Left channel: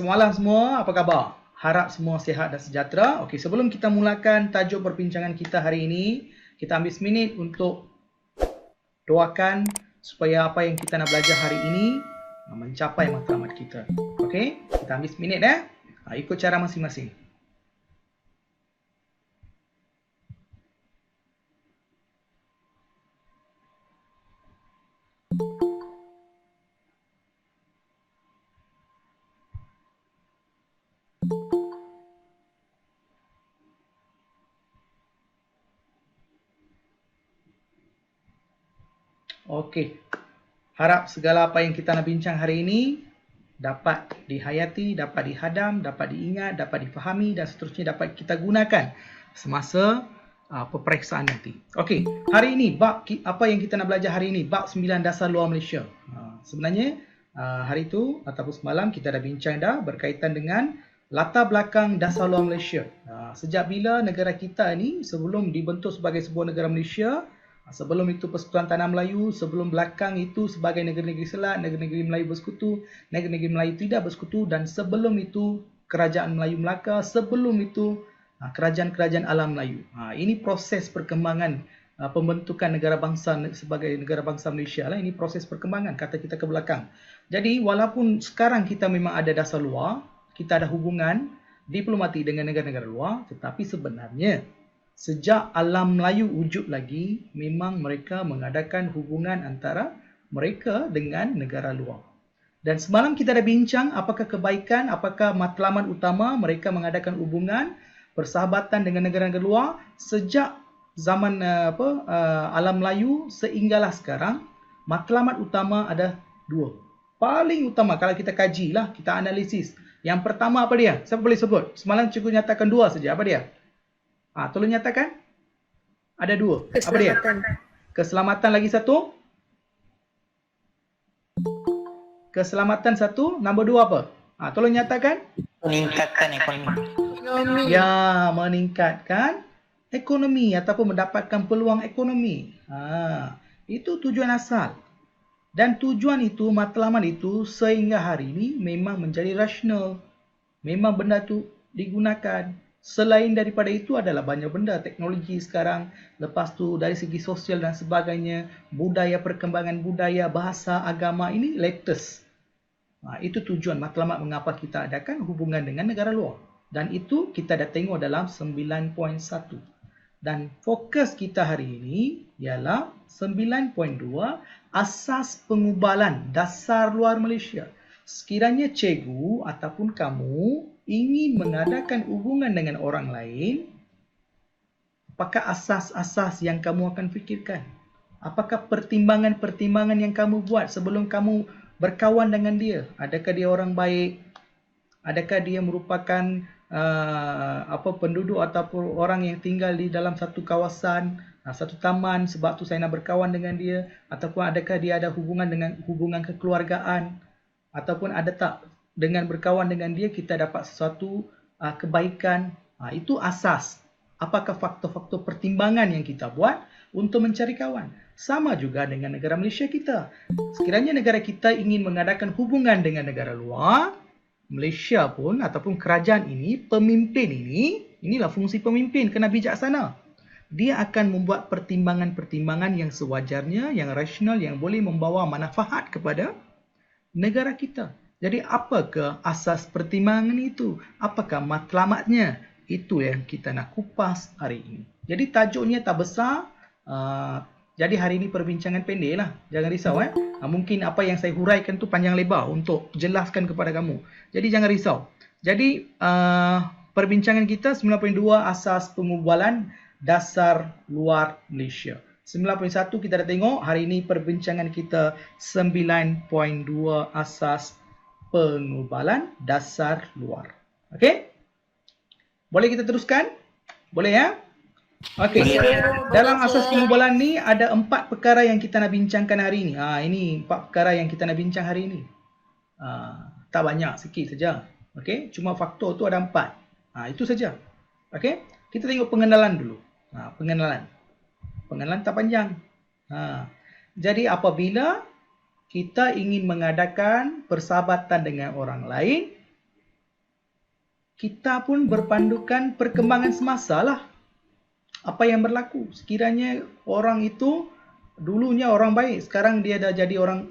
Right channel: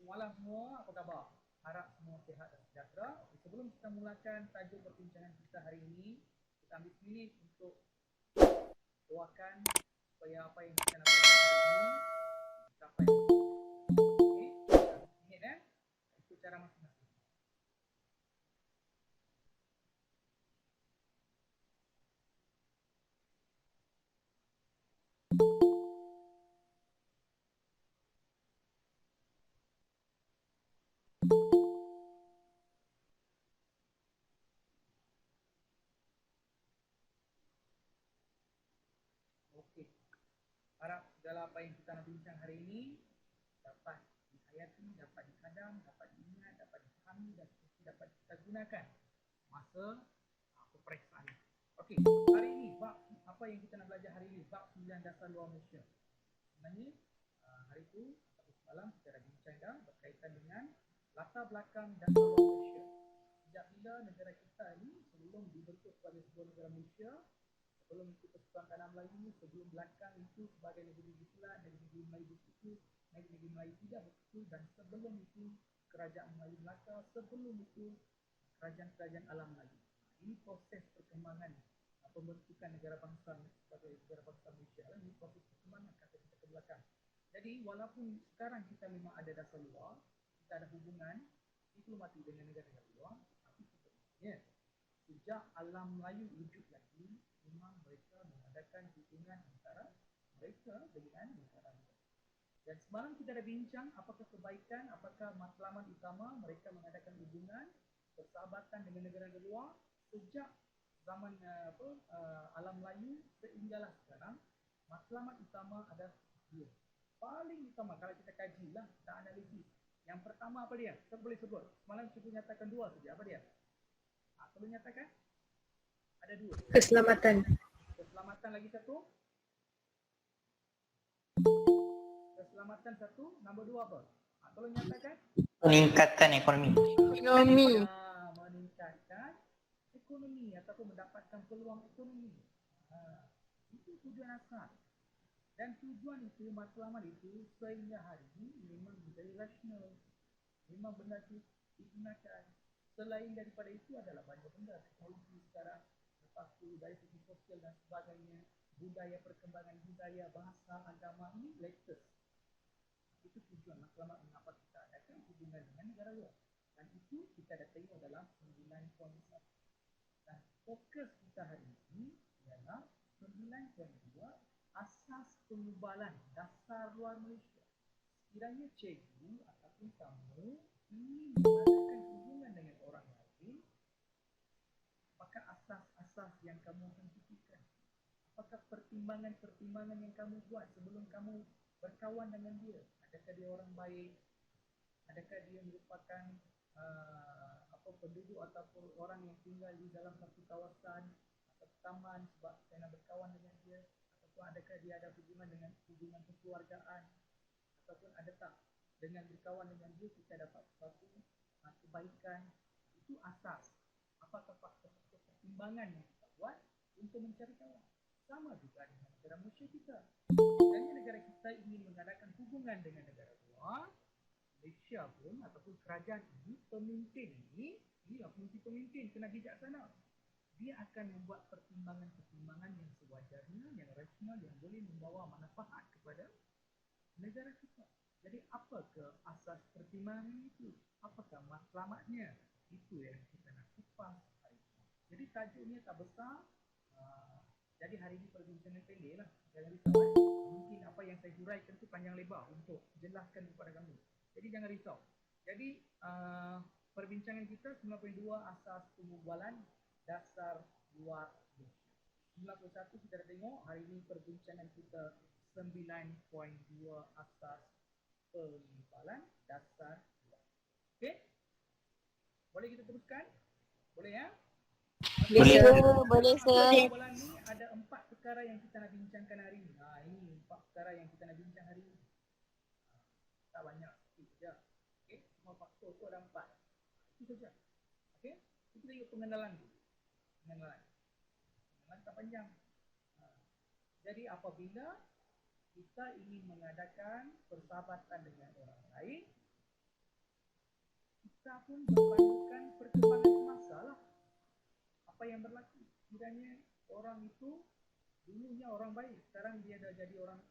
Semalam semua, apa khabar? Harap semua sihat dan sejahtera. Okey, sebelum kita mulakan tajuk perbincangan kita hari ini, kita ambil seminit untuk doakan supaya apa yang kita nak belajar hari ini mencapai matlamat kita. Okey, kita ambil seminit ikut cara masing-masing. Okey. Harap segala apa yang kita nak bincang hari ini dapat dihayati, dapat dihadam, dapat diingat, dapat difahami dan seterusnya dapat kita gunakan semasa peperiksaan nanti. Okey, hari ini bab apa yang kita nak belajar hari ini, bab 9 dasar luar Malaysia. Sebenarnya hari itu ataupun semalam kita dah bincang berkaitan dengan latar belakang dasar luar Malaysia. Sejak bila negara kita ni sebelum dibentuk sebagai sebuah negara Malaysia, sebelum itu Persekutuan Tanah Melayu, sebelum belakang itu sebagai negeri-negeri Selat, negeri-negeri Melayu bersekutu, negeri-negeri Melayu tidak bersekutu, dan sebelum itu Kerajaan Melayu Melaka, sebelum itu kerajaan-kerajaan alam Melayu. Ini proses perkembangan pembentukan negara bangsa sebagai negara bangsa Malaysia lah. Ini proses perkembangan kata kita ke belakang. Jadi walaupun sekarang kita memang ada dasar luar, kita ada hubungan diplomatik dengan negara-negara luar, tetapi sebenarnya sejak alam Melayu wujud lagi, memang mereka mengadakan hubungan antara mereka dengan negara luar. Dan semalam kita dah bincang apakah kebaikan, apakah matlamat utama mereka mengadakan hubungan persahabatan dengan negara-negara luar sejak zaman alam Melayu sehinggalah sekarang. Matlamat utama ada dua. Paling utama kalau kita kaji lah, kita analisis. Yang pertama apa dia? Siapa boleh sebut? Semalam cikgu nyatakan dua saja. Apa dia? Tolong nyatakan. Ada dua. Keselamatan. Apa dia? Keselamatan lagi satu. Keselamatan satu. Nombor dua apa? Tolong nyatakan. Meningkatkan ekonomi. Ya, meningkatkan ekonomi ataupun mendapatkan peluang ekonomi. Itu tujuan asal. Dan tujuan itu, matlamat itu sehingga hari ini memang menjadi rasional. Memang benda itu digunakan. Selain daripada itu adalah banyak benda, teknologi sekarang, lepas tu dari segi sosial dan sebagainya, budaya, perkembangan budaya, bahasa, agama, ini latest. Itu tujuan matlamat mengapa kita adakan hubungan dengan negara luar. Dan itu kita dah tengok dalam 9.1. Dan fokus kita hari ini ialah 9.2, asas pengubalan dasar luar Malaysia. Sekiranya cikgu ataupun kamu ingin mengadakan hubungan dengan orang lain, apakah asas-asas yang kamu akan fikirkan? Apakah pertimbangan-pertimbangan yang kamu buat sebelum kamu berkawan dengan dia? Adakah dia orang baik? Adakah dia merupakan penduduk ataupun orang yang tinggal di dalam satu kawasan, satu taman, sebab tu saya nak berkawan dengan dia? Ataupun adakah dia ada hubungan kekeluargaan? Ataupun ada tak dengan berkawan dengan dia kita dapat sesuatu kebaikan? Itu asas. Apakah faktor-faktor pertimbangan yang kita buat untuk mencari kawan? Sama juga dengan negara Malaysia kita. Sekiranya negara kita ingin mengadakan hubungan dengan negara luar, Malaysia pun ataupun kerajaan ini, pemimpin ini, inilah fungsi pemimpin, kena bijaksana. Dia akan membuat pertimbangan-pertimbangan yang sewajarnya, yang rasional, yang boleh membawa manfaat kepada negara kita. Jadi apakah asas pertimbangan itu? Apakah matlamatnya? Itu yang kita nak kupas hari ini. Jadi tajuknya tak besar. Jadi hari ini perbincangan pendek lah. Jangan risau. Mungkin apa yang saya huraikan tu panjang lebar untuk jelaskan kepada kamu. Jadi jangan risau. Jadi perbincangan kita 9.2 asas pengubalan dasar luar Malaysia. 9.1 kita dah tengok. Hari ini perbincangan kita 9.2 asas pengubalan dasar luar. Okey? Boleh kita teruskan? Boleh ya? Okey. Dalam asas pengubalan ni ada 4 perkara yang kita nak bincangkan hari ini. Ini 4 perkara yang kita nak bincang hari ini. Tak banyak, sikit saja. Okey, cuma faktor tu ada 4. Itu saja. Okey? Kita tengok pengenalan dulu. Pengenalan. Pengenalan tak panjang. Jadi apabila kita ingin mengadakan persahabatan dengan orang lain, kita pun berpandukan perkembangan semasa lah. Apa yang berlaku. Sekiranya orang itu dulunya orang baik, sekarang dia dah jadi orang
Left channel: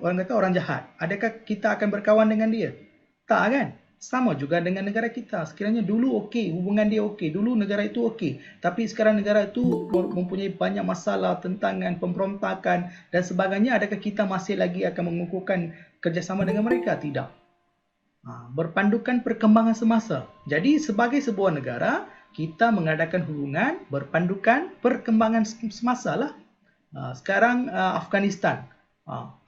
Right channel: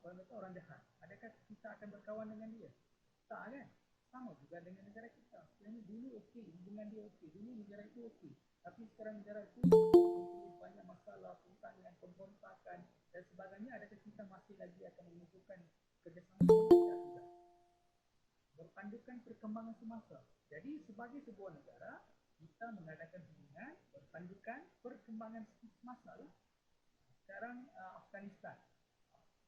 kata orang jahat. Adakah kita akan berkawan dengan dia? Tak kan? Sama juga dengan negara kita. Sekiranya dulu okey, hubungan dia okey, dulu negara itu okey, tapi sekarang negara itu mempunyai banyak masalah, tentangan, pemberontakan dan sebagainya. Adakah kita masih lagi akan mengukuhkan kerjasama dengan mereka? Tidak. Berpandukan perkembangan semasa. Jadi sebagai sebuah negara, kita mengadakan hubungan berpandukan perkembangan semasa lah. Sekarang Afghanistan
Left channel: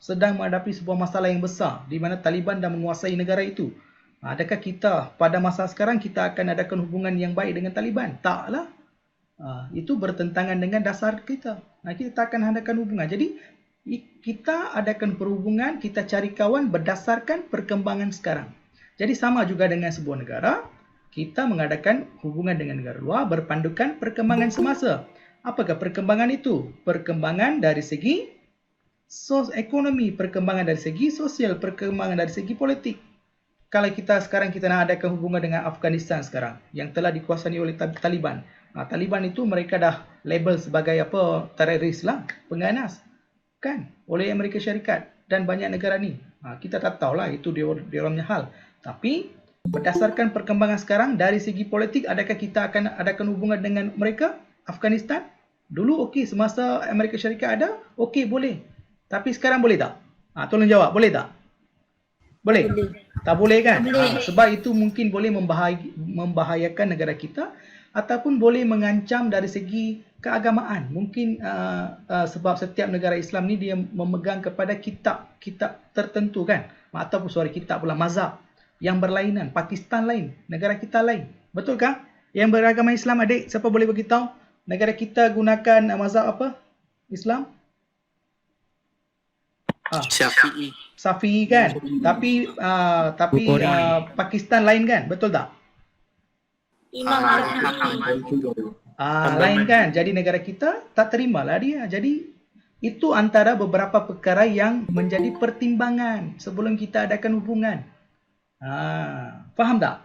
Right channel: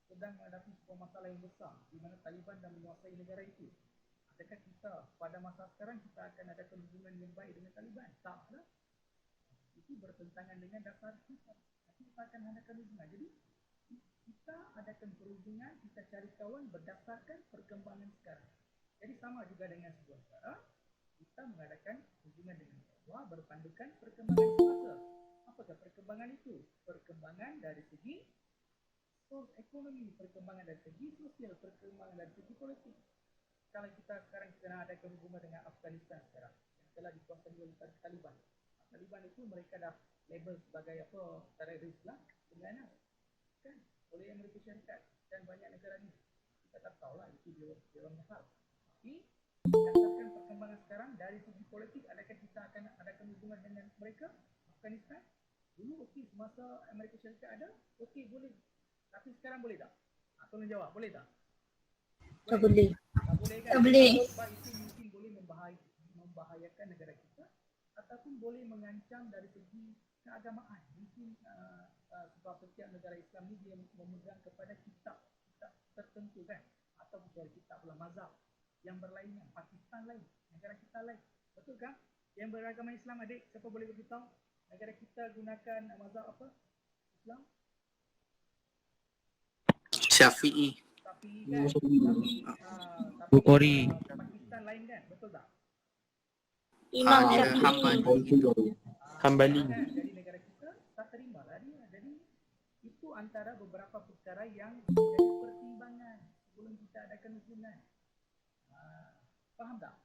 sedang menghadapi sebuah masalah yang besar di mana Taliban dah menguasai negara itu. Adakah kita pada masa sekarang kita akan adakan hubungan yang baik dengan Taliban? Taklah. Itu bertentangan dengan dasar kita. Kita tak akan adakan hubungan. Jadi kita adakan perhubungan, kita cari kawan berdasarkan perkembangan sekarang. Jadi sama juga dengan sebuah negara, kita mengadakan hubungan dengan negara luar berpandukan perkembangan semasa. Apakah perkembangan itu? Perkembangan dari segi ekonomi, perkembangan dari segi sosial, perkembangan dari segi politik. Kalau kita sekarang kita nak adakan hubungan dengan Afghanistan sekarang yang telah dikuasai oleh Taliban. Taliban itu mereka dah label sebagai apa? Teroris lah, pengganas. Kan? Oleh Amerika Syarikat dan banyak negara ni. Kita tak tahulah itu dia orangnya hal. Tapi berdasarkan perkembangan sekarang dari segi politik, adakah kita akan adakan hubungan dengan mereka? Afghanistan? Dulu okey, semasa Amerika Syarikat ada, okey boleh. Tapi sekarang boleh tak? Tolong jawab, boleh tak? Boleh? Boleh. Tak boleh kan? Boleh. Sebab itu mungkin boleh membahayakan negara kita ataupun boleh mengancam dari segi keagamaan. Mungkin sebab setiap negara Islam ni dia memegang kepada kitab tertentu kan? Ataupun kitab pula mazhab yang berlainan. Pakistan lain, negara kita lain. Betul kah? Yang beragama Islam adik, siapa boleh beritahu? Negara kita gunakan mazhab apa? Islam? Syafi'i kan? Tapi Pakistan lain kan? Betul tak? Imam Syafi'i. Lain kan? Jadi negara kita tak terimalah dia. Jadi itu antara beberapa perkara yang menjadi pertimbangan sebelum kita adakan hubungan. Faham tak?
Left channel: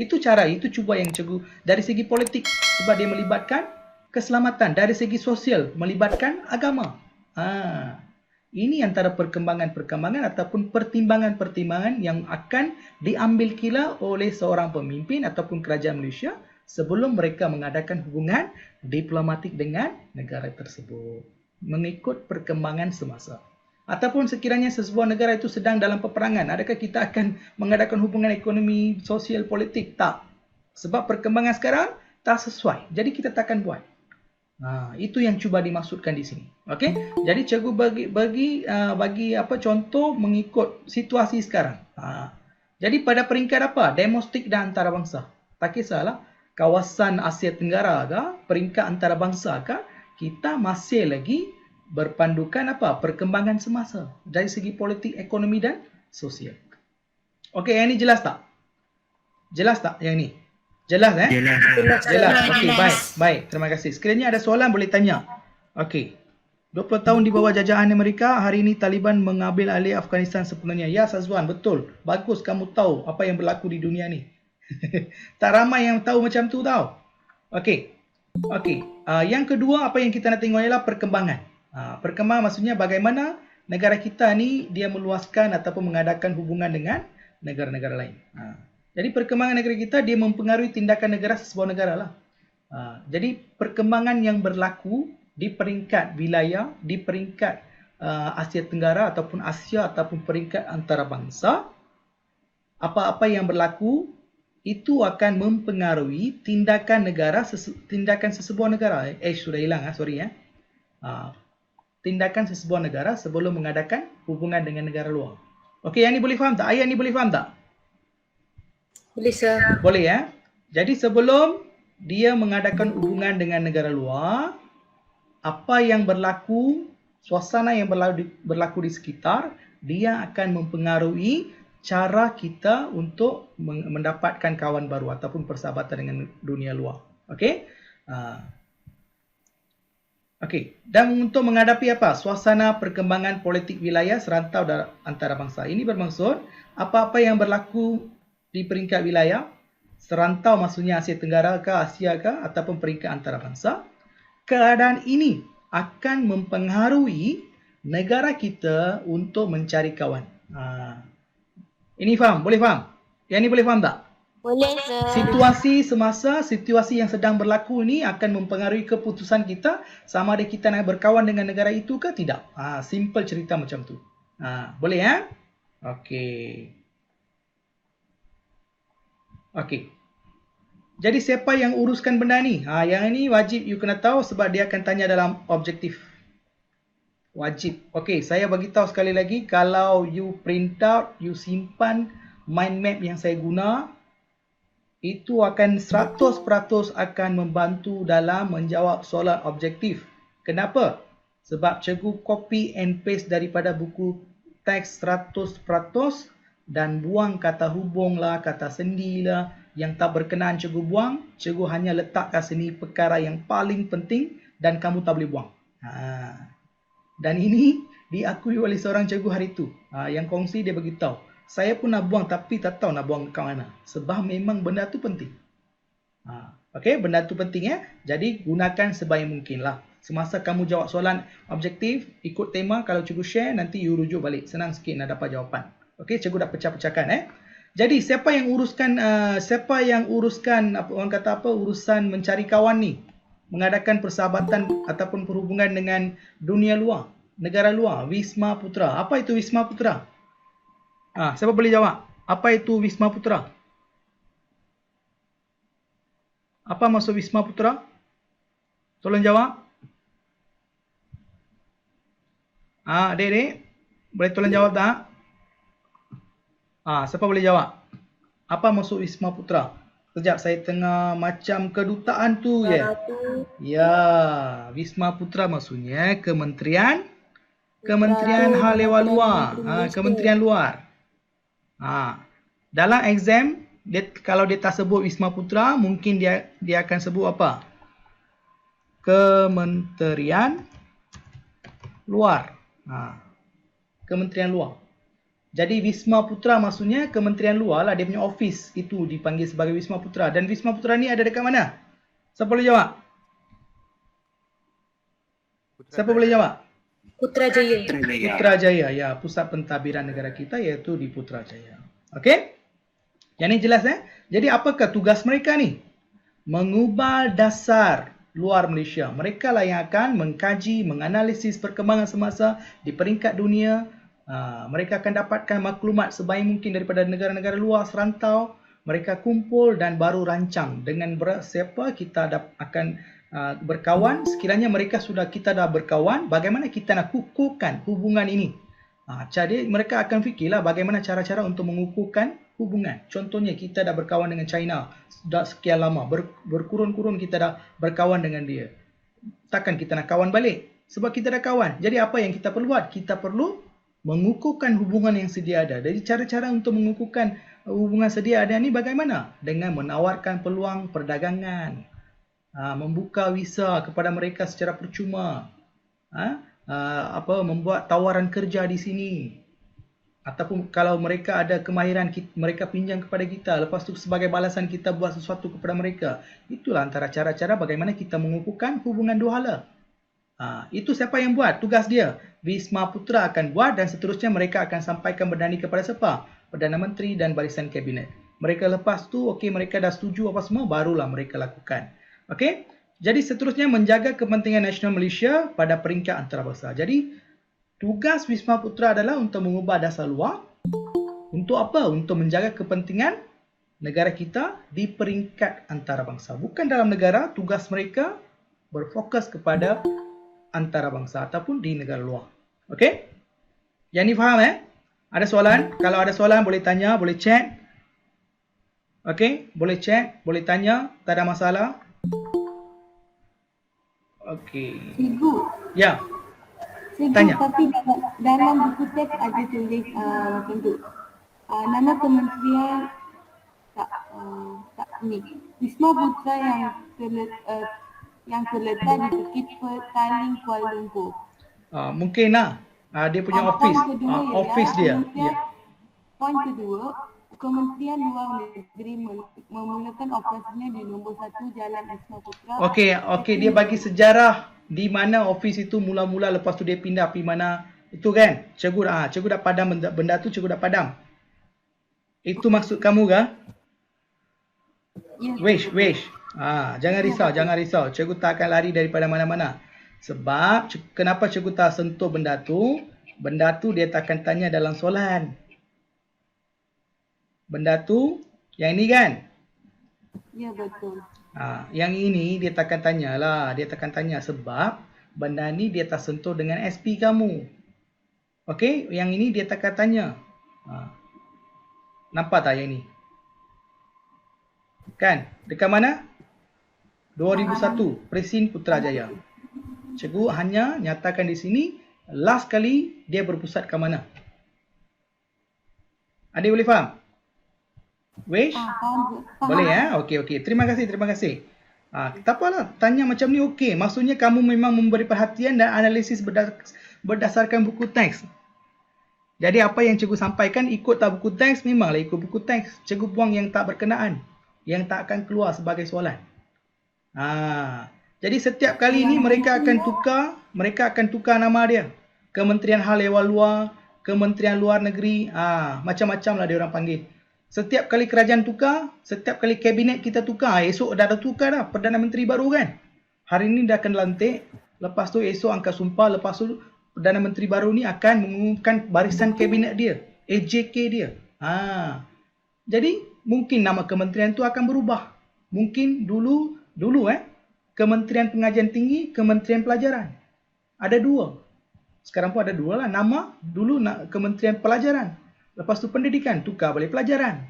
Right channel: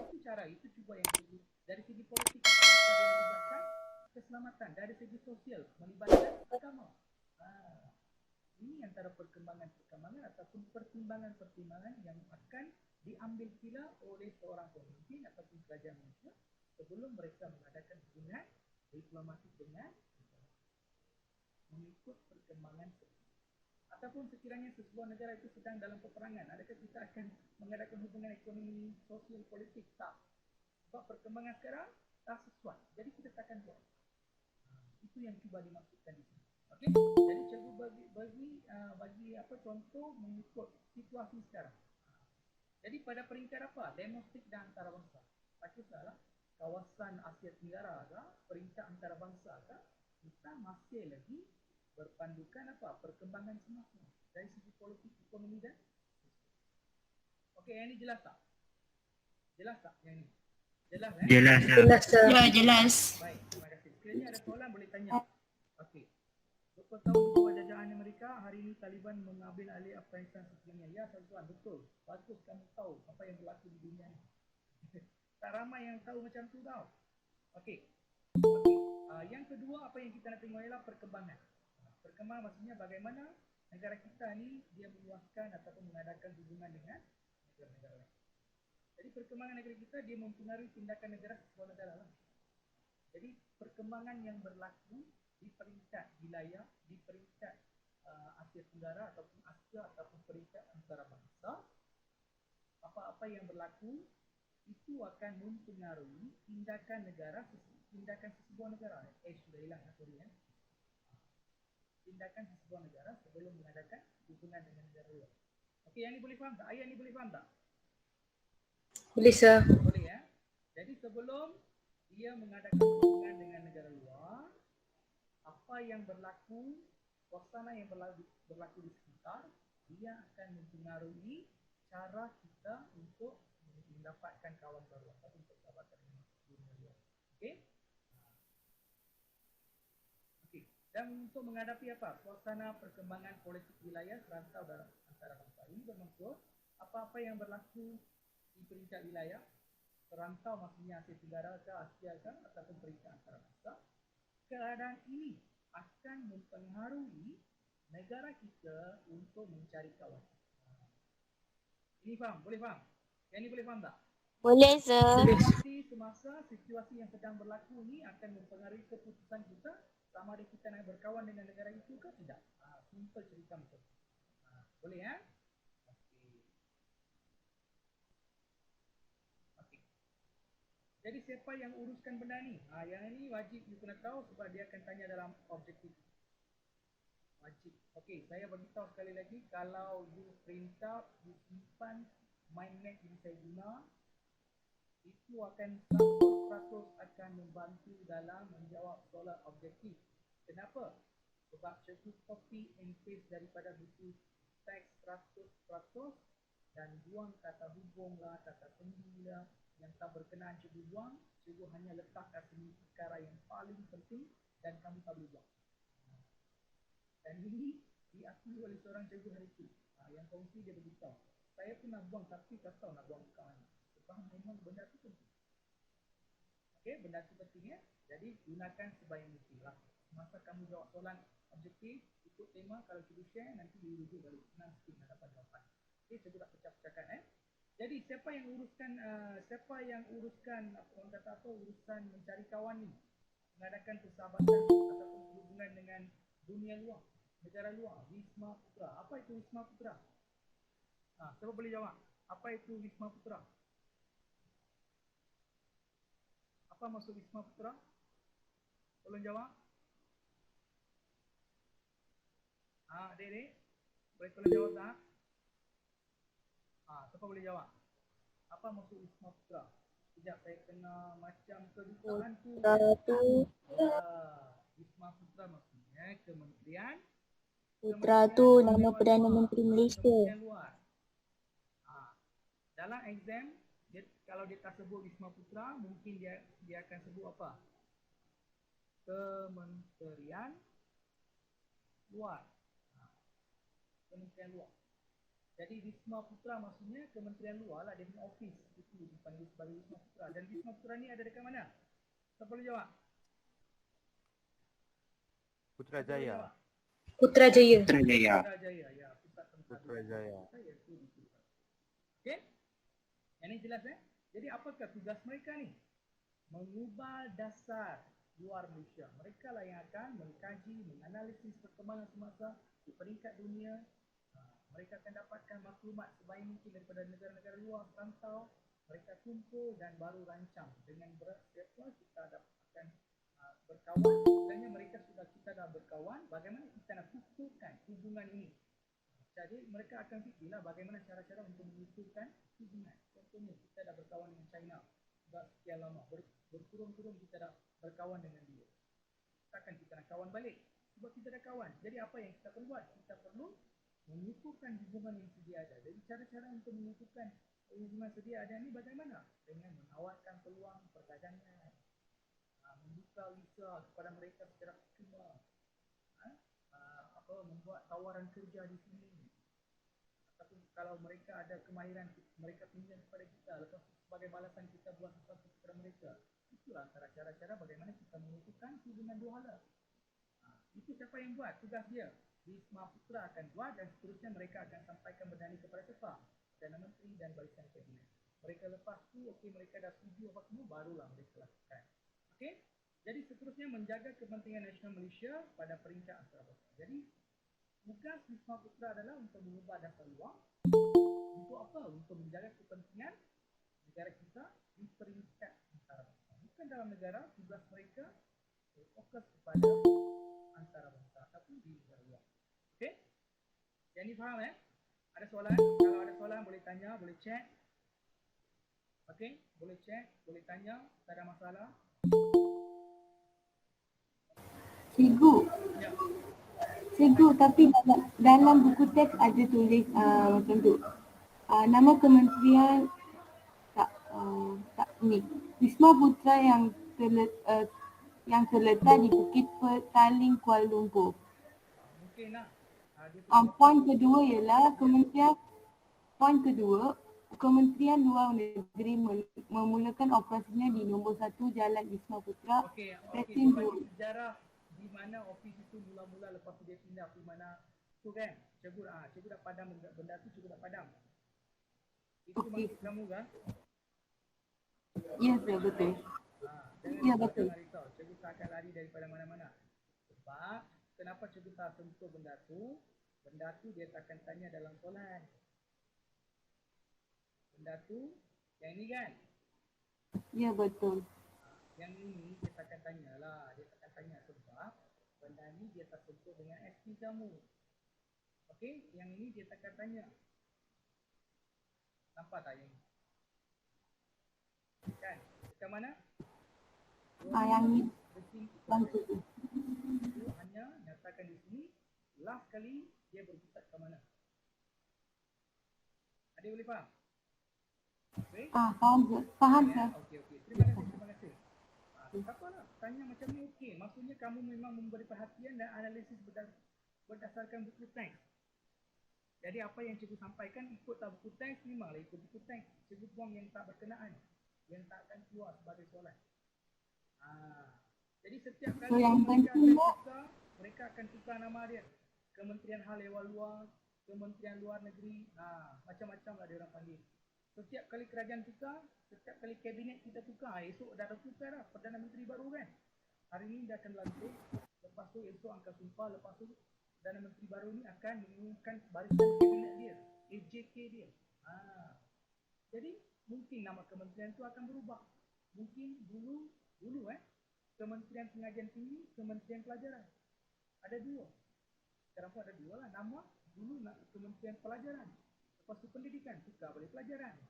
Itu cara, itu cuba yang cikgu dari segi politik sebab dia melibatkan keselamatan, dari segi sosial melibatkan agama. Ini antara perkembangan-perkembangan ataupun pertimbangan-pertimbangan yang akan diambil kira oleh seorang pemimpin ataupun kerajaan Malaysia sebelum mereka mengadakan hubungan diplomatik dengan negara tersebut mengikut perkembangan semasa. Ataupun sekiranya sesebuah negara itu sedang dalam peperangan, adakah kita akan mengadakan hubungan ekonomi, sosial, politik? Tak. Sebab perkembangan sekarang tak sesuai. Jadi kita takkan buat. Itu yang cuba dimaksudkan di sini. Okey? Jadi cikgu bagi apa contoh mengikut situasi sekarang. Jadi pada peringkat apa? Domestik dan antarabangsa. Tak kisahlah kawasan Asia Tenggara ke, peringkat antarabangsa ke, kita masih lagi berpandukan apa? Perkembangan semasa dari segi politik, ekonomi dan sosial. Okey, yang ini jelas tak? Jelas tak yang ni? Jelas Jelas. Okay, baik, terima kasih. Sekiranya ada soalan boleh tanya. Okey. 20 tahun di bawah jajahan Amerika, hari ini Taliban mengambil alih Afghanistan sepenuhnya. Ya Sazwan, betul. Bagus kamu tahu apa yang berlaku di dunia ni. Tak ramai yang tahu macam tu tau. Okey. Yang kedua apa yang kita nak tengok ialah perkembangan. Perkembangan maksudnya bagaimana negara kita ni dia meluaskan ataupun mengadakan hubungan dengan negara-negara lain. Jadi perkembangan negara kita dia mempengaruhi tindakan negara sesebuah negara lah. Jadi perkembangan yang berlaku di peringkat wilayah, di peringkat Asia Tenggara ataupun Asia ataupun peringkat antarabangsa, apa-apa yang berlaku itu akan mempengaruhi tindakan negara, tindakan sesebuah negara. Sudah hilang sorry ya. Tindakan sesebuah negara sebelum mengadakan hubungan dengan negara luar. Okey, yang ni boleh faham tak? Ayat ni boleh faham tak? Boleh, Sir. Boleh ya. Jadi sebelum dia mengadakan hubungan dengan negara luar, apa yang berlaku, suasana yang berlaku di sekitar, dia akan mempengaruhi cara kita untuk mendapatkan kawan baru ataupun persahabatan dengan dunia luar. Okey? Okey. Dan untuk menghadapi apa? Suasana perkembangan politik wilayah serantau antarabangsa. Ini bermaksud apa-apa yang berlaku di peringkat wilayah, serantau maksudnya Asia Tenggara ke Asia ke ataupun peringkat antarabangsa, keadaan ini akan mempengaruhi negara kita untuk mencari kawan. Ini faham? Boleh faham? Yang ni boleh faham tak? Boleh, sir. Situasi semasa, situasi yang sedang berlaku ini akan mempengaruhi keputusan kita sama ada kita nak berkawan dengan negara itu ke tidak. Simple cerita macam tu. Boleh ya? Okey. Okey. Jadi siapa yang uruskan benda ni? Yang ini wajib you kena tahu sebab dia akan tanya dalam objektif. Wajib. Okey, saya bagi tahu sekali lagi, kalau you print out, you simpan mind map yang saya guna, itu akan 100% akan membantu dalam menjawab soalan objektif. Kenapa? Sebab cikgu copy and paste daripada buku teks 100% dan buang kata hubung lah, kata sendi lah, yang tak berkenaan cikgu buang. Cikgu hanya letak kat sini perkara yang paling penting dan kamu tak boleh buang. Dan ini diakui oleh seorang cikgu hari itu. Yang kongsi dia beritahu. Saya pun nak buang tapi tak tahu nak buang kat mana. Sebab memang benda tu penting. Okey, benda tu penting ya. Jadi gunakan sebaik mungkin lah. Semasa kamu jawab soalan objektif, ikut tema, kalau cikgu share nanti you rujuk balik. Senang sikit nak dapat jawapan. Okey, cikgu dah pecah-pecahkan Jadi siapa yang uruskan urusan mencari kawan ni? Mengadakan persahabatan ataupun perhubungan dengan dunia luar, negara luar, Wisma Putra. Apa itu Wisma Putra? Siapa boleh jawab? Apa itu Wisma Putra? Apa maksud Wisma Putra? Tolong jawab. Adik-adik, boleh tolong jawab tak? Siapa boleh jawab? Apa maksud Wisma Putra? Sekejap, saya tengah macam kedutaan tu je. Ya, Wisma Putra maksudnya Kementerian Hal Ehwal Luar. Kementerian Luar. Dalam exam, kalau dia tak sebut Wisma Putra, mungkin dia akan sebut apa? Kementerian Luar. Kementerian Luar. Jadi Wisma Putra maksudnya Kementerian Luar lah, dia punya office itu dipanggil sebagai Wisma Putra. Dan Wisma Putra ni ada dekat mana? Siapa boleh jawab? Siapa boleh jawab? Putrajaya. Putrajaya, ya, pusat pentadbiran negara kita iaitu di Putrajaya. Okey? Yang ni jelas Jadi apakah tugas mereka ni? Mengubah dasar luar Malaysia. Mereka lah yang akan mengkaji, menganalisis perkembangan semasa di peringkat dunia. Mereka akan dapatkan maklumat sebaik mungkin daripada negara-negara luar serantau. Mereka kumpul dan baru rancang dengan siapa kita akan berkawan. Sekiranya kita dah berkawan, bagaimana kita nak kukuhkan hubungan ini. Jadi mereka akan fikirlah bagaimana cara-cara untuk mengukuhkan hubungan. Contohnya kita dah berkawan dengan China dah sekian lama, berkurun-kurun kita dah berkawan dengan dia. Takkan kita nak kawan balik? Sebab kita dah kawan. Jadi apa yang kita perlu buat? Kita perlu mengukuhkan hubungan yang sedia ada. Jadi cara-cara untuk mengukuhkan hubungan sedia ada ni bagaimana? Dengan menawarkan peluang perdagangan, membuka visa kepada mereka secara percuma, membuat tawaran kerja di sini, ataupun kalau mereka ada kemahiran mereka pinjam kepada kita, lepas tu sebagai balasan kita buat sesuatu kepada mereka. Itulah antara cara-cara bagaimana kita mengukuhkan hubungan dua hala. Itu siapa yang buat? Tugas dia. Wisma Putra akan buat dan seterusnya mereka akan sampaikan benda ni kepada siapa? Perdana Menteri dan barisan kabinet. Mereka lepas tu, mereka dah setuju apa semua, barulah mereka lakukan. Okey? Jadi seterusnya menjaga kepentingan nasional Malaysia pada peringkat antarabangsa. Jadi tugas Wisma Putra adalah untuk mengubah dasar luar. Untuk apa? Untuk menjaga kepentingan negara kita di peringkat antarabangsa. Bukan dalam negara, tugas mereka berfokus kepada antarabangsa ataupun di negara luar. Okey? Yang ni faham Ada soalan? Kalau ada soalan boleh tanya, boleh chat. Okey? Boleh chat, boleh tanya, tak ada masalah. Okey. Cikgu. Ya. Cikgu, tanya. Tapi dalam buku teks ada tulis macam tu. Nama kementerian tak ni. Wisma Putra yang terletak di Bukit Petaling, Kuala Lumpur. Mungkin lah. Dia punya office. Poin kedua ialah office dia. Poin kedua, Kementerian Luar Negeri memulakan operasinya di nombor 1 Jalan Wisma Putra. Okey, dia bagi sejarah di mana ofis itu mula-mula, lepas tu dia pindah pergi mana. Itu kan? Cikgu dah padam benda tu, cikgu dah padam. Itu maksud kamu ke? Ya, Wish. Jangan risau. Cikgu tak akan lari daripada mana-mana. Sebab kenapa cikgu tak sentuh benda tu? Benda tu dia tak akan tanya dalam soalan. Benda tu yang ini kan? Ya, betul. Yang ini dia takkan tanya lah. Dia takkan tanya sebab benda ni dia tak sentuh dengan SP kamu. Okey, yang ini dia takkan tanya. Nampak tak yang ni? Kan? Dekat mana? 2001, Presin Putrajaya. Cikgu hanya nyatakan di sini, last kali dia berpusat ke mana? Adik boleh faham? Wish? Faham. Boleh ya? Okey. Terima kasih. Tak apalah, tanya macam ni okey. Maksudnya kamu memang memberi perhatian dan analisis berdasarkan buku teks. Jadi apa yang cikgu sampaikan ikut tak buku teks, memanglah ikut buku teks. Cikgu buang yang tak berkenaan, yang tak akan keluar sebagai soalan. Jadi setiap kali ni mereka akan tukar nama dia. Kementerian Hal Ehwal Luar, Kementerian Luar Negeri, macam-macam lah dia orang panggil. Setiap kali kerajaan tukar, setiap kali kabinet kita tukar, esok dah ada tukar dah, Perdana Menteri baru kan. Hari ni dah akan lantik, lepas tu esok angkat sumpah, lepas tu Perdana Menteri baru ni akan mengumumkan barisan kabinet dia, AJK dia. Jadi mungkin nama kementerian tu akan berubah. Mungkin dulu Kementerian Pengajian Tinggi, Kementerian Pelajaran. Ada dua. Sekarang pun ada dua lah. Nama dulu Kementerian Pelajaran. Lepas tu pendidikan, tukar balik pelajaran.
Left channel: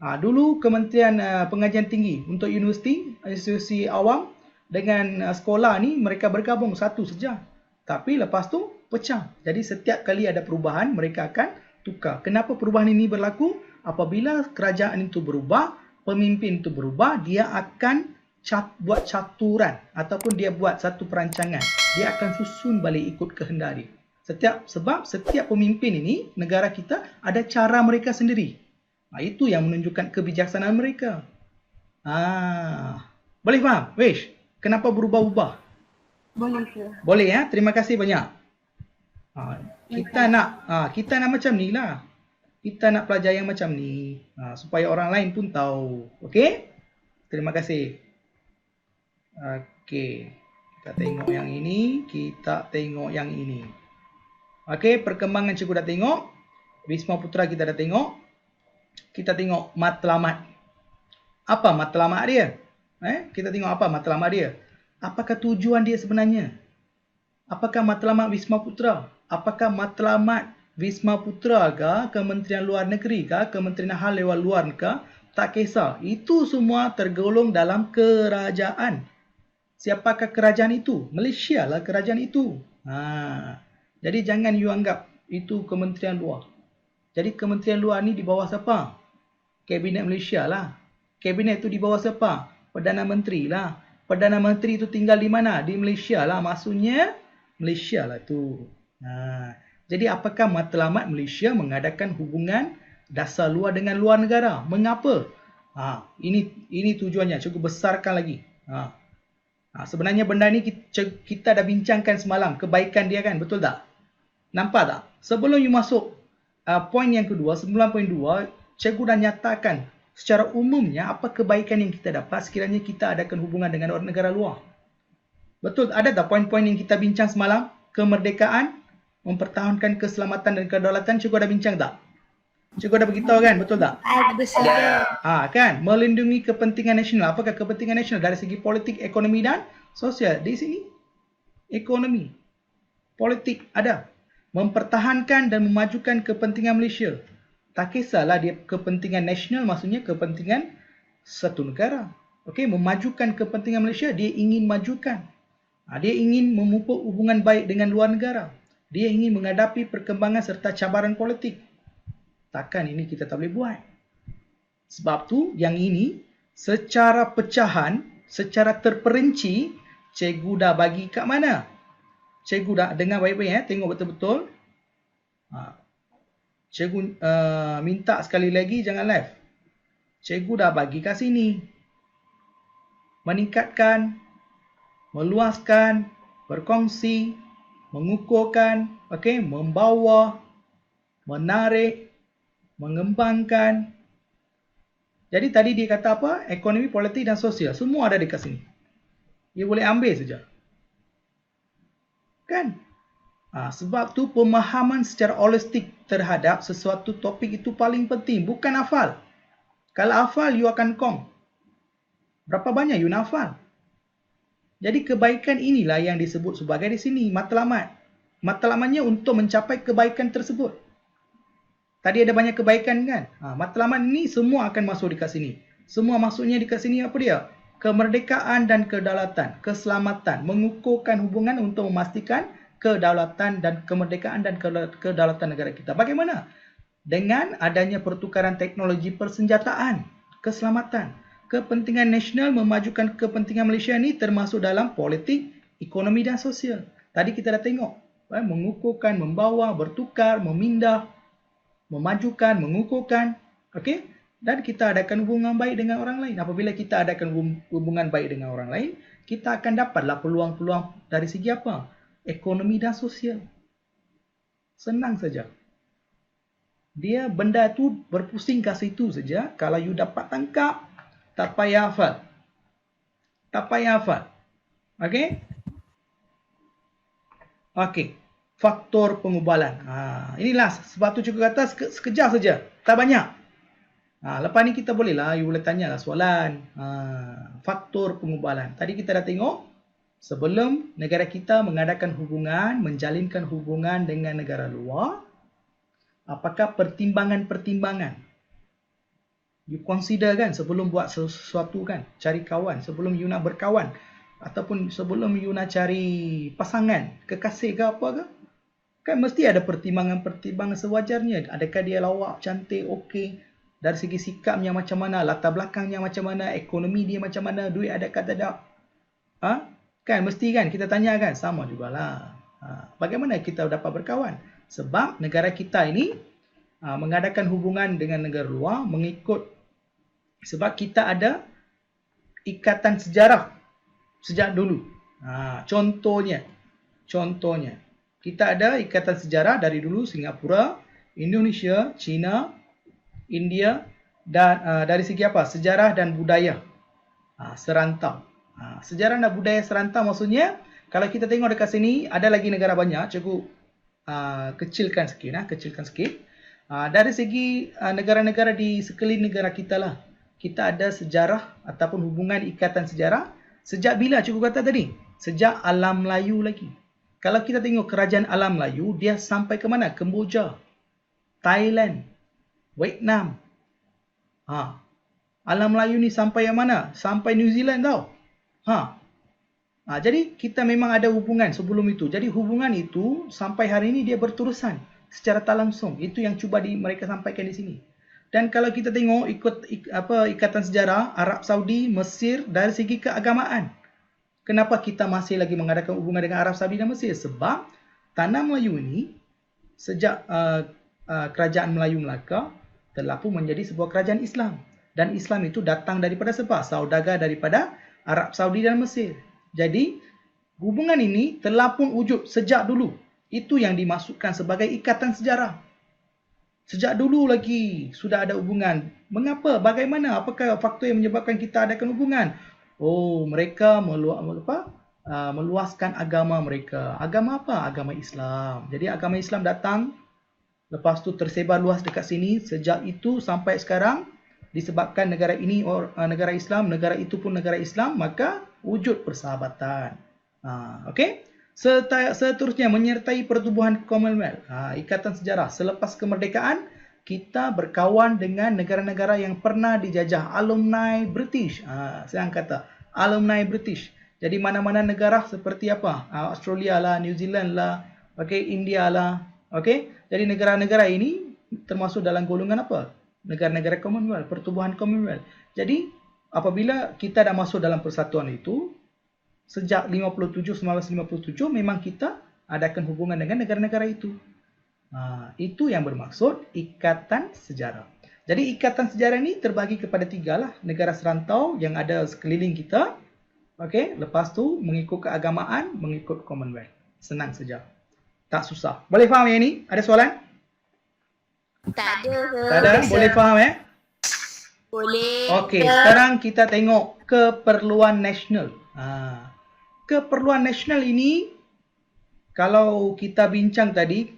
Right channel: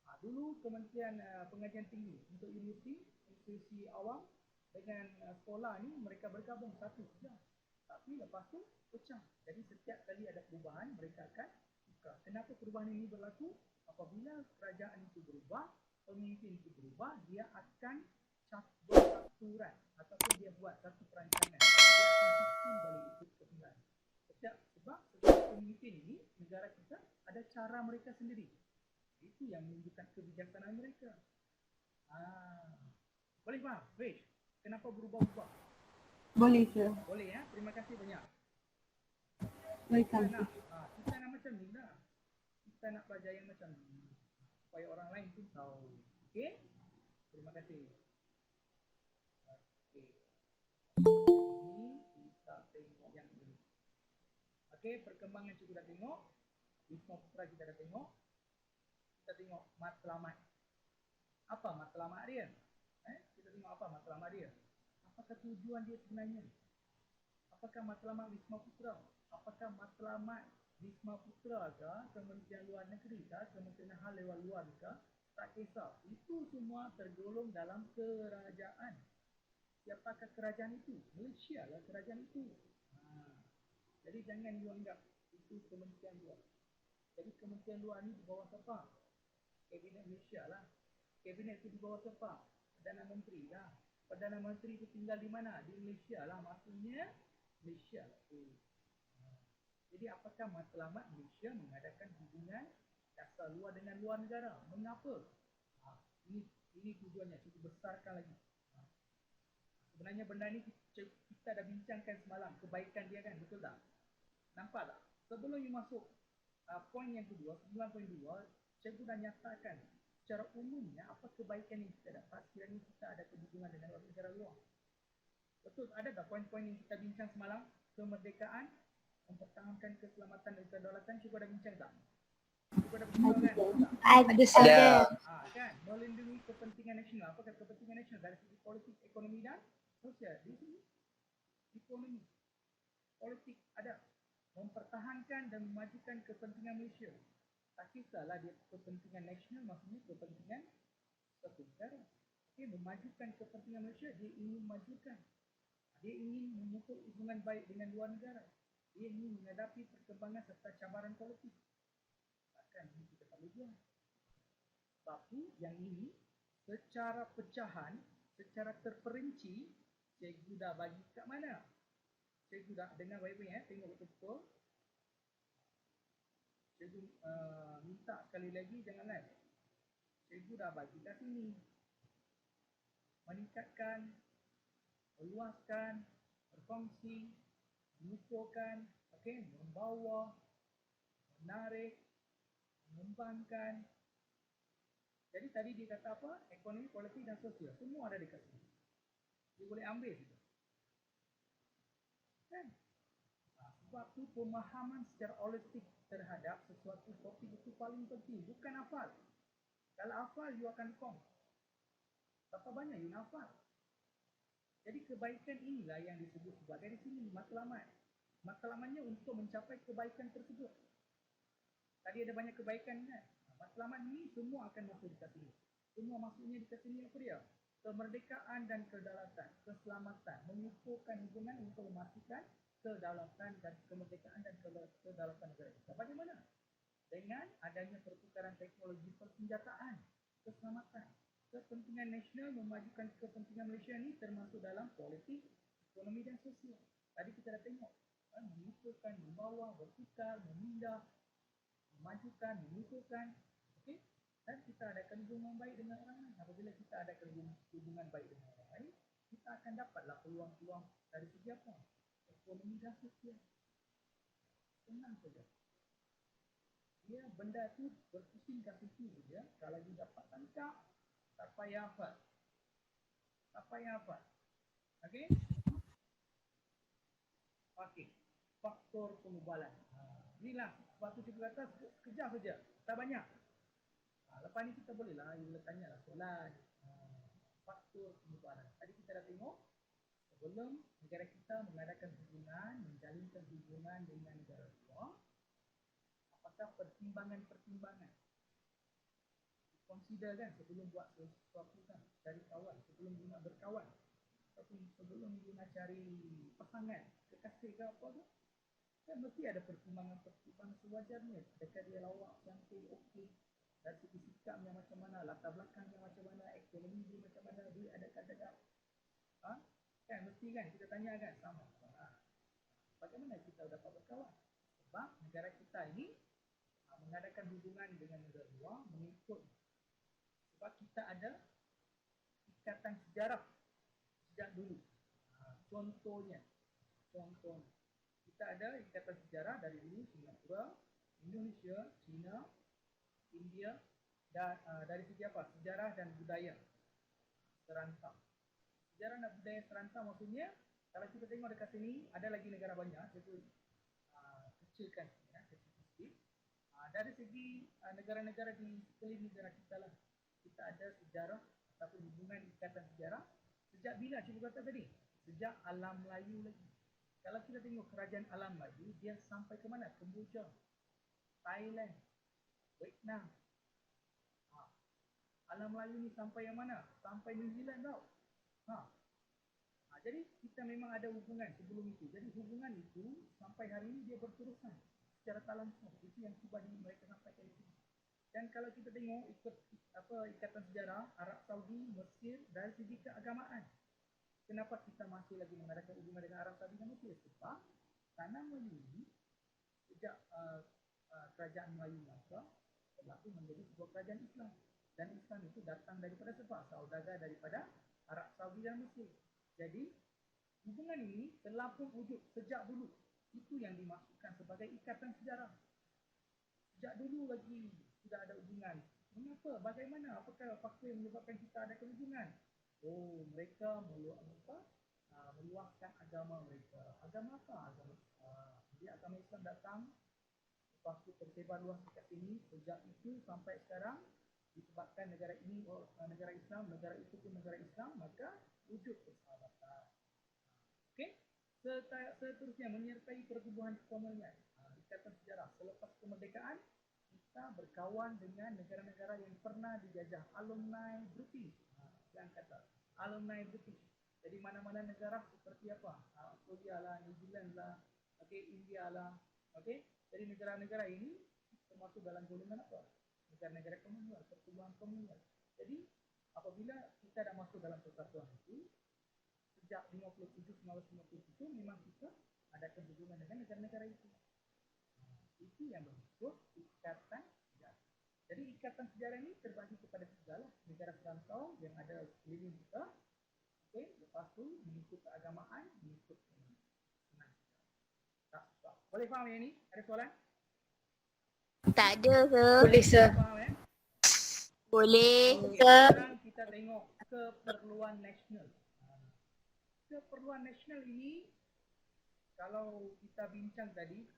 Dulu Kementerian Pengajian Tinggi untuk institusi awam dengan sekolah ni mereka bergabung satu saja. Tapi lepas tu pecah. Jadi setiap kali ada perubahan mereka akan tukar. Kenapa perubahan ini berlaku? Apabila kerajaan itu berubah, pemimpin itu berubah, dia akan buat caturan ataupun dia buat satu perancangan. Dia akan susun balik ikut kehendak dia. Sebab setiap pemimpin ini, negara kita ada cara mereka sendiri. Itu yang menunjukkan kebijaksanaan mereka. Boleh faham? Wish, kenapa berubah-ubah? Boleh, sir. Boleh ya? Terima kasih banyak. Kita nak macam ni lah. Kita nak pelajar yang macam ni. Supaya orang lain pun tahu. Okey? Terima kasih. Okey. Kita tengok yang ini. Okey, perkembangan cikgu dah tengok. Wisma Putra kita dah tengok. Kita tengok matlamat. Apa matlamat dia? Kita tengok apa matlamat dia. Apakah tujuan dia sebenarnya? Apakah matlamat Wisma Putra? Apakah matlamat Wisma Putra ke, Kementerian Luar Negeri ke, Kementerian Hal Ehwal Luar ke? Tak kisah. Itu semua tergolong dalam kerajaan. Siapakah kerajaan itu? Malaysia lah kerajaan itu. Jadi jangan you anggap itu Kementerian Luar. Jadi Kementerian Luar ni di bawah siapa? Kabinet Malaysia lah. Kabinet itu di bawah siapa? Perdana Menteri lah. Perdana Menteri itu tinggal di mana? Di Malaysia lah. Maksudnya Malaysia lah tu. Jadi apakah matlamat Malaysia mengadakan hubungan dasar luar dengan luar negara? Mengapa? Ini tujuannya. Cukup besarkan lagi. Sebenarnya benda ni kita dah bincangkan semalam. Kebaikan dia kan? Betul tak? Nampak tak? Sebelum you masuk poin yang kedua, 9.2, cikgu dah nyatakan secara umumnya apa kebaikan yang kita dapat sekiranya kita adakan hubungan dengan orang negara luar. Betul? Ada tak poin-poin yang kita bincang semalam? Kemerdekaan, mempertahankan keselamatan dan kedaulatan, cikgu dah bincang tak? Cikgu dah beritahu kan? Betul tak? Ada saja. Kan? Melindungi kepentingan nasional. Apakah kepentingan nasional dari segi politik, ekonomi dan sosial? Di sini ekonomi, politik ada. Mempertahankan dan memajukan kepentingan Malaysia. Tak kisahlah dia kepentingan nasional, maksudnya kepentingan satu negara. Okey, memajukan kepentingan Malaysia, dia ingin majukan. Dia ingin memupuk hubungan baik dengan luar negara. Dia ingin menghadapi perkembangan serta cabaran politik. Takkan ini kita tak boleh buat. Sebab tu yang ini secara pecahan, secara terperinci, cikgu dah bagi kat mana? Cikgu dah dengar baik-baik, tengok betul-betul. Cikgu minta sekali lagi jangan live. Cikgu dah bagi kat sini. Meningkatkan, meluaskan, berkongsi, mengukuhkan, okey, membawa, menarik, mengembangkan. Jadi tadi dia kata apa? Ekonomi, politik dan sosial. Semua ada dekat sini. Dia boleh ambil saja. Kan? Sebab tu pemahaman secara holistik terhadap sesuatu topik itu paling penting. Bukan hafal. Kalau hafal, you akan kong. Berapa banyak you nak hafal? Jadi kebaikan inilah yang disebut sebagai di sini matlamat. Matlamatnya untuk mencapai kebaikan tersebut. Tadi ada banyak kebaikan kan? Matlamat ni semua akan masuk dekat sini. Semua masuknya dekat sini apa dia? Kemerdekaan dan kedaulatan, keselamatan, mengukuhkan hubungan untuk memastikan kedaulatan dan kemerdekaan dan kedaulatan negara kita. Bagaimana? Dengan adanya pertukaran teknologi persenjataan, keselamatan, kepentingan nasional memajukan kepentingan Malaysia ni termasuk dalam politik, ekonomi dan sosial. Tadi kita dah tengok, mengukuhkan, membawa, bertukar, memindah, memajukan, mengukuhkan, okey? Dan kita adakan hubungan baik dengan orang lain. Apabila kita adakan hubungan baik dengan orang lain, kita akan dapatlah peluang-peluang dari segi apa? Ekonomi dan sosial. Senang saja. Dia benda tu berpusing kat situ saja. Kalau you dapat tangkap, tak payah hafal. Tak payah hafal. Okey? Okey. Faktor pengubalan. Inilah sebab tu cikgu kata sekejap saja. Tak banyak. Lepas ni kita bolehlah, you boleh tanyalah soalan. Faktor pengubalan. Tadi kita dah tengok. Sebelum negara kita mengadakan hubungan, menjalinkan hubungan dengan negara luar, apakah pertimbangan-pertimbangan you consider kan sebelum buat sesuatu kan, cari kawan, sebelum you nak berkawan ataupun sebelum you nak cari pasangan, kekasih ke apa ke, kan mesti ada pertimbangan-pertimbangan sewajarnya. Adakah dia lawak, cantik, okey, dari segi sikapnya macam mana, latar belakangnya macam mana, ekonomi dia macam mana, duit ada ke tak ada. Kan mesti kan kita tanya kan, sama jugalah. Bagaimana kita dapat berkawan? Sebab negara kita ini mengadakan hubungan dengan negara luar mengikut, sebab kita ada ikatan sejarah sejak dulu. Contohnya kita ada ikatan sejarah dari dulu Singapura, Indonesia, China, India dan dari segi apa? Sejarah dan budaya serantau. Sejarah dan budaya serantau maksudnya, kalau kita tengok dekat sini ada lagi negara banyak. Cikgu kecilkan sikit. Dari segi negara-negara di sekeliling negara kita lah, kita ada sejarah ataupun hubungan ikatan sejarah. Sejak bila cikgu kata tadi? Sejak alam Melayu lagi. Kalau kita tengok kerajaan alam Melayu, dia sampai ke mana? Kemboja, Thailand, Vietnam. Alam Melayu ni sampai yang mana? Sampai New Zealand tau. Jadi kita memang ada hubungan sebelum itu. Jadi hubungan itu sampai hari ini dia berterusan secara tak langsung. Itu yang cuba mereka sampaikan di sini. Dan kalau kita tengok ikatan sejarah Arab Saudi, Mesir dari segi keagamaan. Kenapa kita masih lagi mengadakan hubungan dengan Arab Saudi dan Mesir? Sebab tanah Melayu ini sejak kerajaan Melayu Melaka telah pun menjadi sebuah kerajaan Islam. Dan Islam itu datang daripada siapa? Saudagar daripada Arab Saudi dan Mesir. Jadi hubungan ini telah pun wujud sejak dulu. Itu yang dimaksudkan sebagai ikatan sejarah. Sejak dulu lagi sudah ada hubungan. Mengapa? Bagaimana? Apakah faktor yang menyebabkan kita adakan hubungan? Mereka meluaskan agama mereka. Agama apa? Agama Islam. Jadi agama Islam datang, lepas tu tersebar luas dekat sini. Sejak itu sampai sekarang, disebabkan negara ini negara Islam, negara itu pun negara Islam, maka wujud persahabatan. Okey? Seterusnya menyertai pertubuhan Commonwealth. Ikatan sejarah. Selepas kemerdekaan, kita berkawan dengan negara-negara yang pernah dijajah. Alumni British. Saya kata alumni British. Jadi mana-mana negara seperti apa? Australia lah, New Zealand lah, India lah. Jadi negara-negara ini termasuk dalam golongan apa? Negara-negara Commonwealth, pertubuhan Commonwealth. Jadi apabila kita dah masuk dalam persatuan itu, sejak 1957 memang kita adakan hubungan dengan negara-negara itu. Itu yang bermaksud ikatan sejarah. Jadi ikatan sejarah ni terbagi kepada 3 lah. Negara serantau yang ada sekeliling kita. Okey, lepas tu mengikut keagamaan, mengikut Commonwealth. Senang saja. Tak susah. Boleh faham yang ni? Ada soalan? Tak ada, sir. Tak ada? Boleh faham Boleh. Okey, sir. sekarang kita tengok keperluan nasional. Keperluan nasional ini, kalau kita bincang tadi,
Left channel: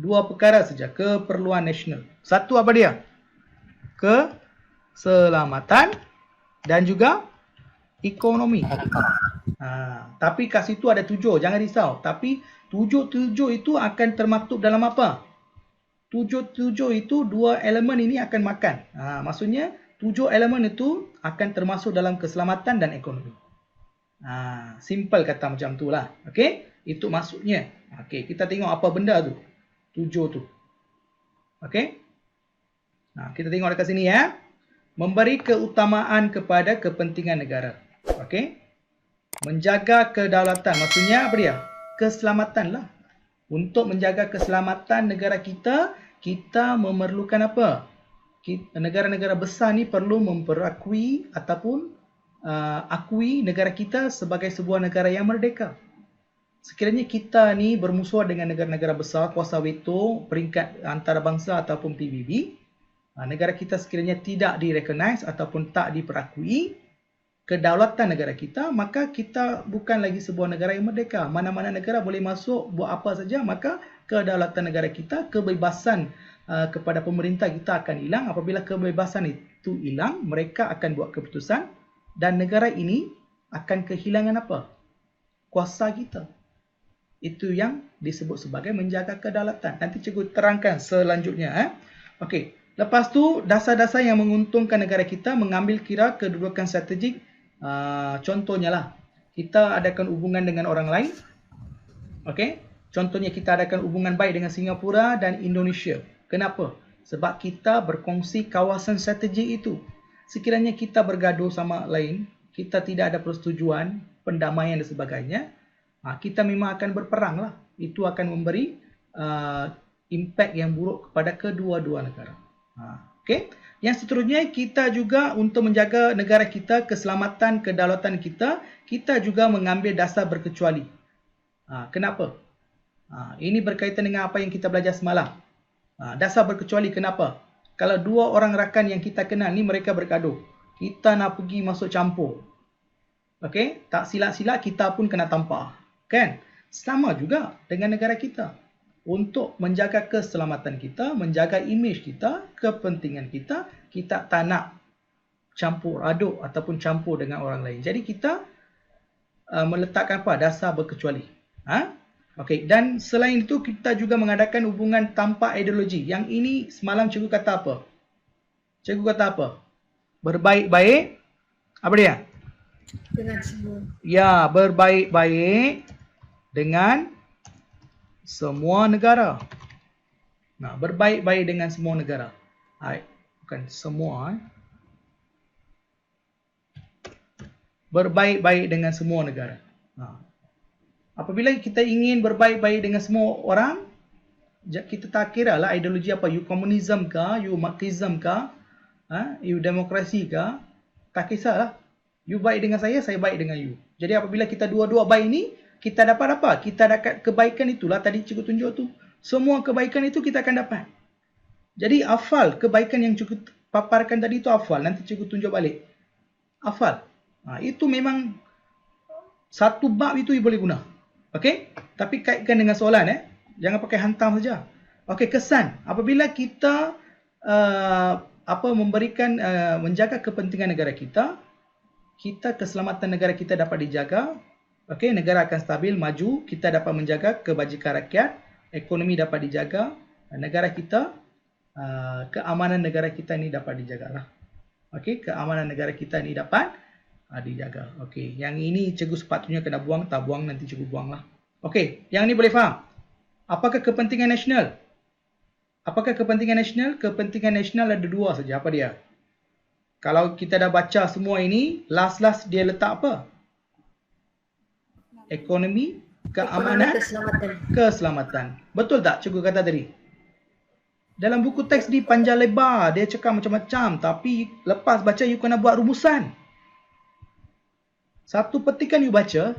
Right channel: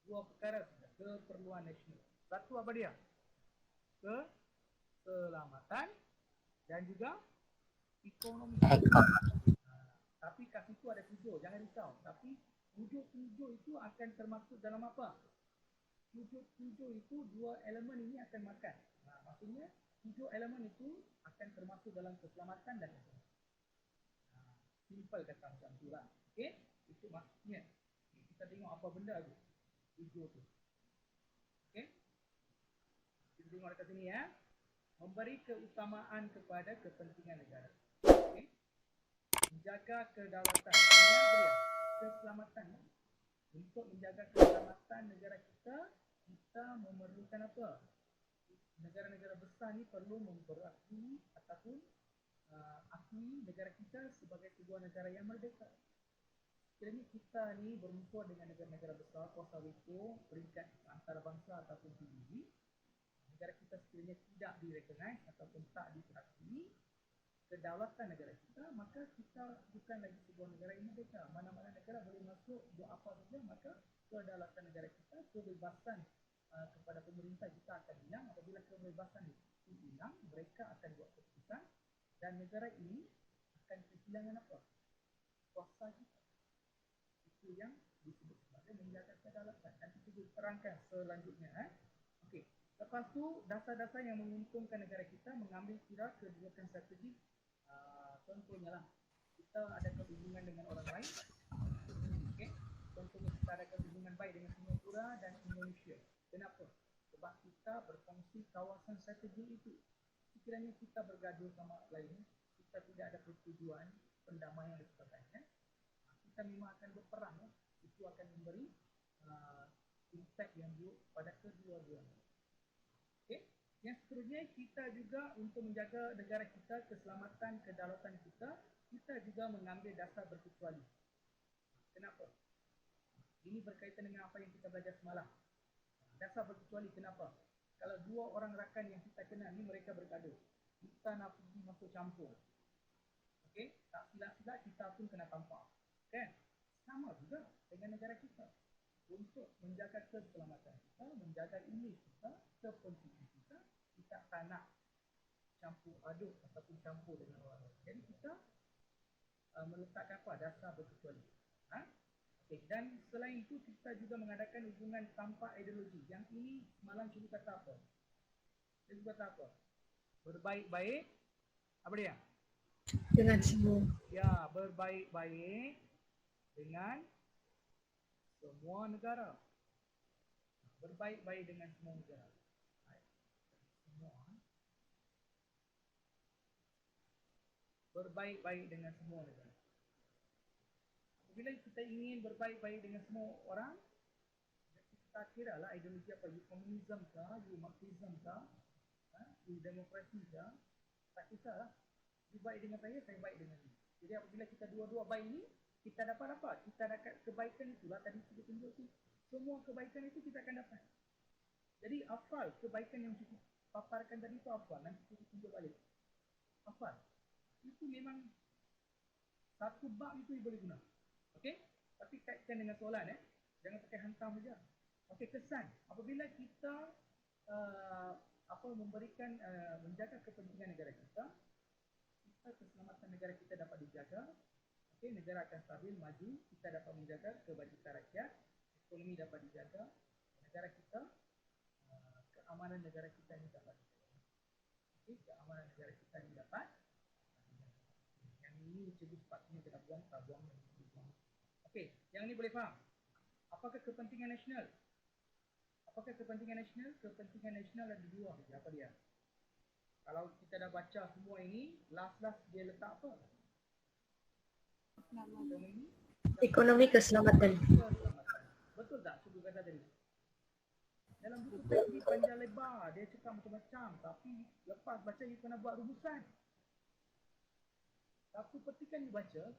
2 perkara saja. Keperluan nasional. Satu apa dia? Keselamatan dan juga ekonomi. Tapi kat situ ada 7, jangan risau. Tapi 7 itu akan termaktub dalam apa? 7 itu 2 elemen ini akan makan. Maksudnya 7 elemen itu akan termasuk dalam keselamatan dan ekonomi. Simple kata macam tu lah. Okey, itu maksudnya. Okey, kita tengok apa benda tu. 7 tu. Okey. Kita tengok dekat sini ya. Memberi keutamaan kepada kepentingan negara. Okey. Menjaga kedaulatan. Maksudnya apa dia? Keselamatan lah. Untuk menjaga keselamatan negara kita, kita memerlukan apa? Negara-negara besar ni perlu memperakui ataupun akui negara kita sebagai sebuah negara yang merdeka. Sekiranya kita ni bermusuhan dengan negara-negara besar, kuasa veto, peringkat antarabangsa ataupun PBB, negara kita sekiranya tidak direcognize ataupun tak diperakui kedaulatan negara kita, maka kita bukan lagi sebuah negara yang merdeka. Mana-mana negara boleh masuk, buat apa saja, maka kedaulatan negara kita, kebebasan kepada pemerintah kita akan hilang. Apabila kebebasan itu hilang, mereka akan buat keputusan dan negara ini akan kehilangan apa? Kuasa kita. Itu yang disebut sebagai menjaga kedaulatan. Nanti cikgu terangkan selanjutnya. Okey. Lepas tu, dasar-dasar yang menguntungkan negara kita mengambil kira kedudukan strategik. Contohnya lah, kita adakan hubungan dengan orang lain. Okey. Contohnya kita adakan hubungan baik dengan Singapura dan Indonesia. Kenapa? Sebab kita berkongsi kawasan strategik itu. Sekiranya kita bergaduh sama lain, kita tidak ada persetujuan, pendamaian dan sebagainya, kita memang akan berperang lah. Itu akan memberi impact yang buruk kepada kedua-dua negara. Okey. Yang seterusnya, kita juga untuk menjaga negara kita, keselamatan, kedaulatan kita, kita juga mengambil dasar berkecuali. Kenapa? Ini berkaitan dengan apa yang kita belajar semalam. Dasar berkecuali kenapa? Kalau 2 orang rakan yang kita kenal ni mereka bergaduh, kita nak pergi masuk campur. Okey, tak silap-silap kita pun kena tampar. Kan? Sama juga dengan negara kita. Untuk menjaga keselamatan kita, menjaga imej kita, kepentingan kita, kita tak nak campur aduk ataupun campur dengan orang lain. Jadi kita meletakkan apa? Dasar berkecuali. Okey, dan selain itu kita juga mengadakan hubungan tanpa ideologi. Yang ini semalam cikgu kata apa? Cikgu kata apa? Berbaik-baik. Apa dia? Dengan semua. Ya, berbaik-baik dengan semua negara. Berbaik-baik dengan semua negara. Bukan semua. Berbaik-baik dengan semua negara. Apabila kita ingin berbaik-baik dengan semua orang, kita tak kira lah ideologi apa. You komunism ke, you marxism ke, you demokrasi ke, tak kisahlah. You baik dengan saya baik dengan you. Jadi apabila kita dua-dua baik ni, kita dapat apa? Kita dapat kebaikan itulah tadi cikgu tunjuk tu. Semua kebaikan itu kita akan dapat. Jadi hafal kebaikan yang cikgu paparkan tadi itu hafal. Nanti cikgu tunjuk balik. Hafal. Itu memang satu bab itu you boleh guna. Okey? Tapi kaitkan dengan soalan Jangan pakai hantam saja. Okey, kesan. Apabila kita memberikan menjaga kepentingan negara kita, keselamatan negara kita dapat dijaga. Okey, negara akan stabil, maju, kita dapat menjaga kebajikan rakyat, ekonomi dapat dijaga, negara kita, keamanan negara kita ni dapat dijagalah. Okey, keamanan negara kita ni dapat dijaga. Okey, yang ini cikgu sepatutnya kena buang, tak buang nanti cikgu buanglah. Okey, yang ni boleh faham? Apakah kepentingan nasional? Apakah kepentingan nasional? Kepentingan nasional ada 2 saja. Apa dia? Kalau kita dah baca semua ini, last dia letak apa? Ekonomi Ekonomi keamanan, keselamatan. keselamatan. Betul tak cikgu kata tadi? Dalam buku teks di panjang lebar, dia cakap macam-macam. Tapi lepas baca, you kena buat rumusan. Satu petikan you baca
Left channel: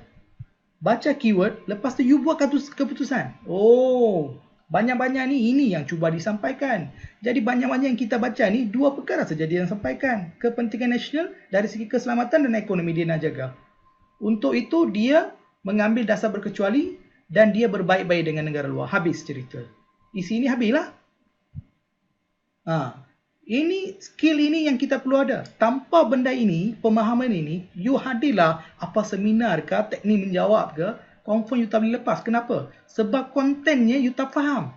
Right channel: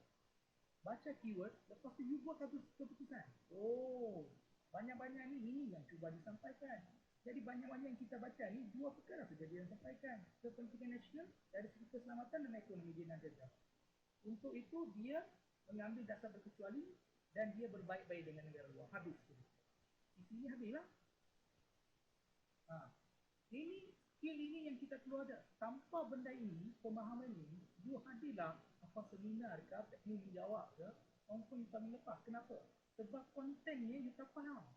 keyword, lepas tu you buat keputusan. Oh, banyak-banyak ni, ini yang cuba disampaikan. Jadi banyak-banyak yang kita baca ni, dua perkara saja dia yang sampaikan. Kepentingan nasional dari segi keselamatan dan ekonomi dia nak jaga. Untuk itu, dia mengambil dasar berkecuali dan dia berbaik-baik dengan negara luar. Habis cerita. Isi ini habislah. Ini skill ini yang kita perlu ada. Tanpa benda ini, pemahaman ini, you hadirlah apa seminar ke, teknik menjawab ke, confirm you tak boleh lepas. Kenapa? Sebab kontennya you tak faham.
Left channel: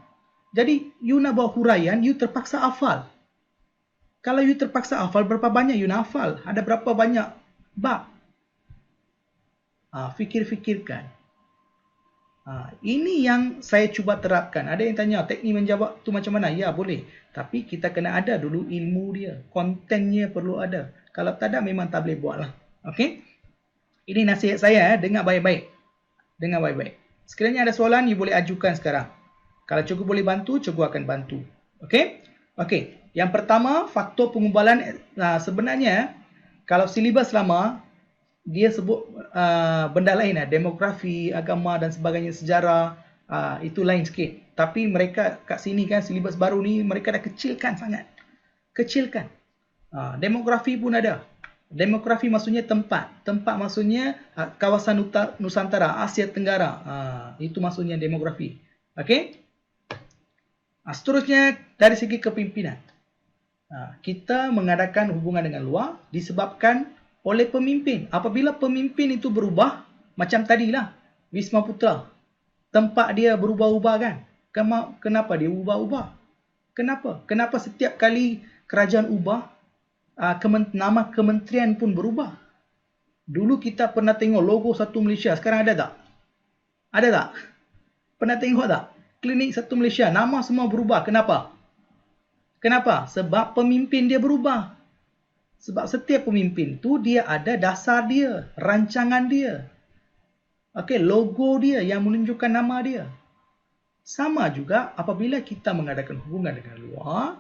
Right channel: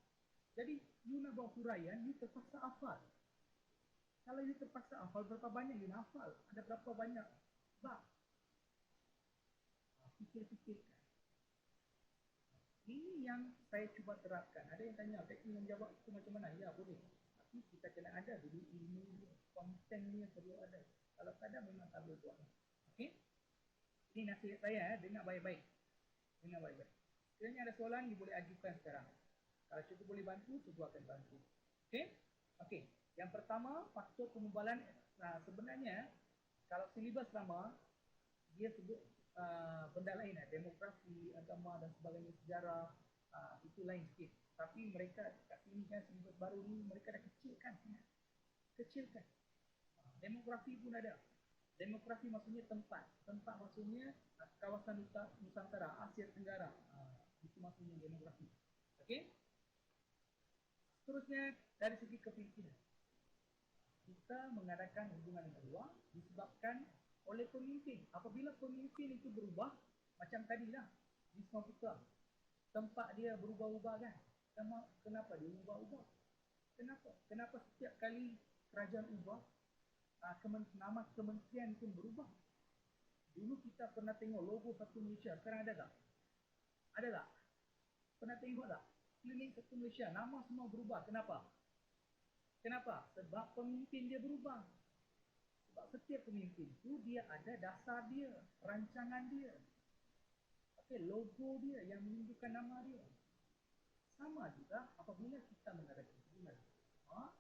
Jadi, you nak buat huraian, you terpaksa hafal. Kalau you terpaksa hafal, berapa banyak you nak hafal? Ada berapa banyak bab? Fikir-fikirkan. Ini yang saya cuba terapkan. Ada yang tanya, teknik menjawab tu macam mana? Ya, boleh. Tapi kita kena ada dulu ilmu dia. Kontennya perlu ada. Kalau tak ada, memang tak boleh buat lah. Okey? Ini nasihat saya. Dengar baik-baik. Dengar baik-baik. Sekiranya ada soalan, you boleh ajukan sekarang. Kalau cikgu boleh bantu, cikgu akan bantu. Okey? Okey. Yang pertama, faktor pengubalan. Sebenarnya, kalau silibus lama, dia sebut benda lain lah. Demografi, agama dan sebagainya, sejarah. Itu lain sikit. Tapi mereka kat sini kan, silibus baru ni, mereka dah kecilkan sangat. Kecilkan. Demografi pun ada. Demografi maksudnya tempat. Tempat maksudnya kawasan Nusantara, Asia Tenggara. Itu maksudnya demografi. Okey? Seterusnya, dari segi kepimpinan. Kita mengadakan hubungan dengan luar disebabkan oleh pemimpin. Apabila pemimpin itu berubah, macam tadilah, Wisma Putra. Tempat dia berubah-ubah kan? Kenapa dia ubah-ubah? Kenapa? Kenapa setiap kali kerajaan ubah, nama kementerian pun berubah? Dulu kita pernah tengok logo Satu Malaysia. Sekarang ada tak? Ada tak? Pernah tengok tak? Klinik Satu Malaysia. Nama semua berubah. Kenapa? Kenapa? Sebab pemimpin dia berubah. Sebab setiap pemimpin tu dia ada dasar dia, rancangan dia. Okey, logo dia yang menunjukkan nama dia. Sama juga apabila kita mengadakan hubungan dengan luar.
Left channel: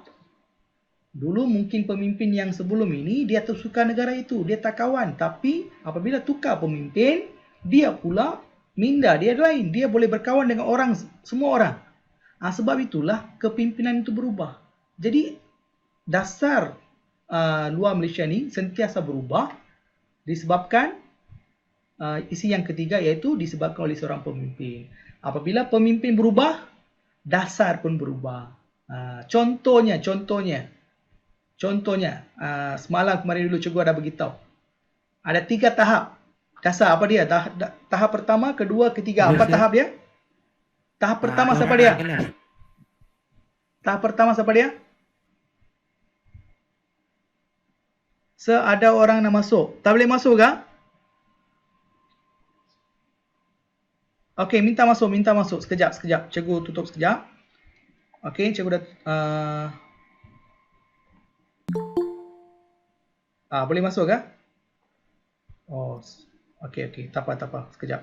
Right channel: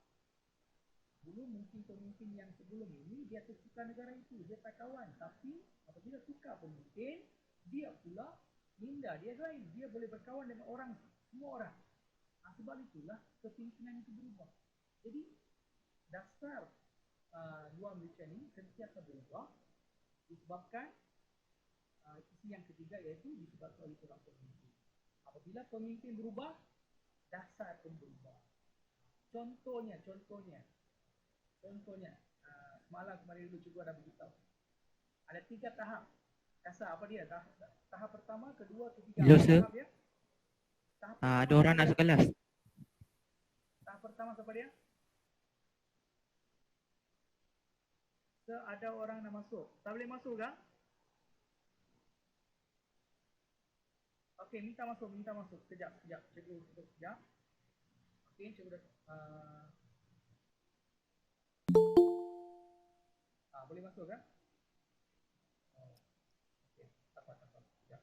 Dulu mungkin pemimpin yang sebelum ini dia tersuka negara itu, dia tak kawan. Tapi apabila tukar pemimpin, dia pula minda dia lain. Dia boleh berkawan dengan orang, semua orang. Sebab itulah kepimpinan itu berubah. Jadi dasar luar Malaysia ni sentiasa berubah disebabkan isi yang ketiga, iaitu disebabkan oleh seorang pemimpin. Apabila pemimpin berubah, dasar pun berubah. Contohnya, semalam kemarin dulu cikgu ada beritahu. Ada 3 tahap dasar. Apa dia? Tahap pertama, kedua, ketiga. Apa tahap dia? Tahap pertama siapa dia? Tahap pertama siapa dia? Ada orang nak masuk. Tak boleh masuk ke? Okey, minta masuk. Sekejap. Cikgu tutup sekejap. Okey, cikgu dah... boleh masuk ke? Oh, okey. Tak apa. Sekejap.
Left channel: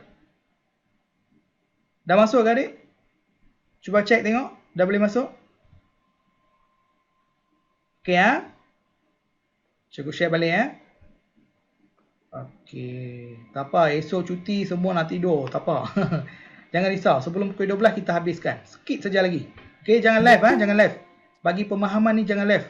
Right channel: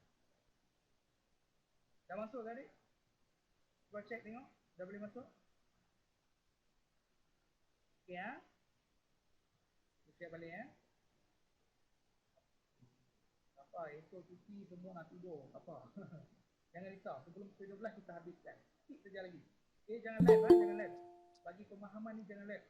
Dah masuk ke adik? Cuba cek tengok. Dah boleh masuk? Okey Cikgu share balik Okey. Tak apa, esok cuti semua nak tidur. Tak apa. Jangan risau. Sebelum pukul 12 kita habiskan. Sikit saja lagi. Okey, jangan live jangan live. Bagi pemahaman ni jangan live.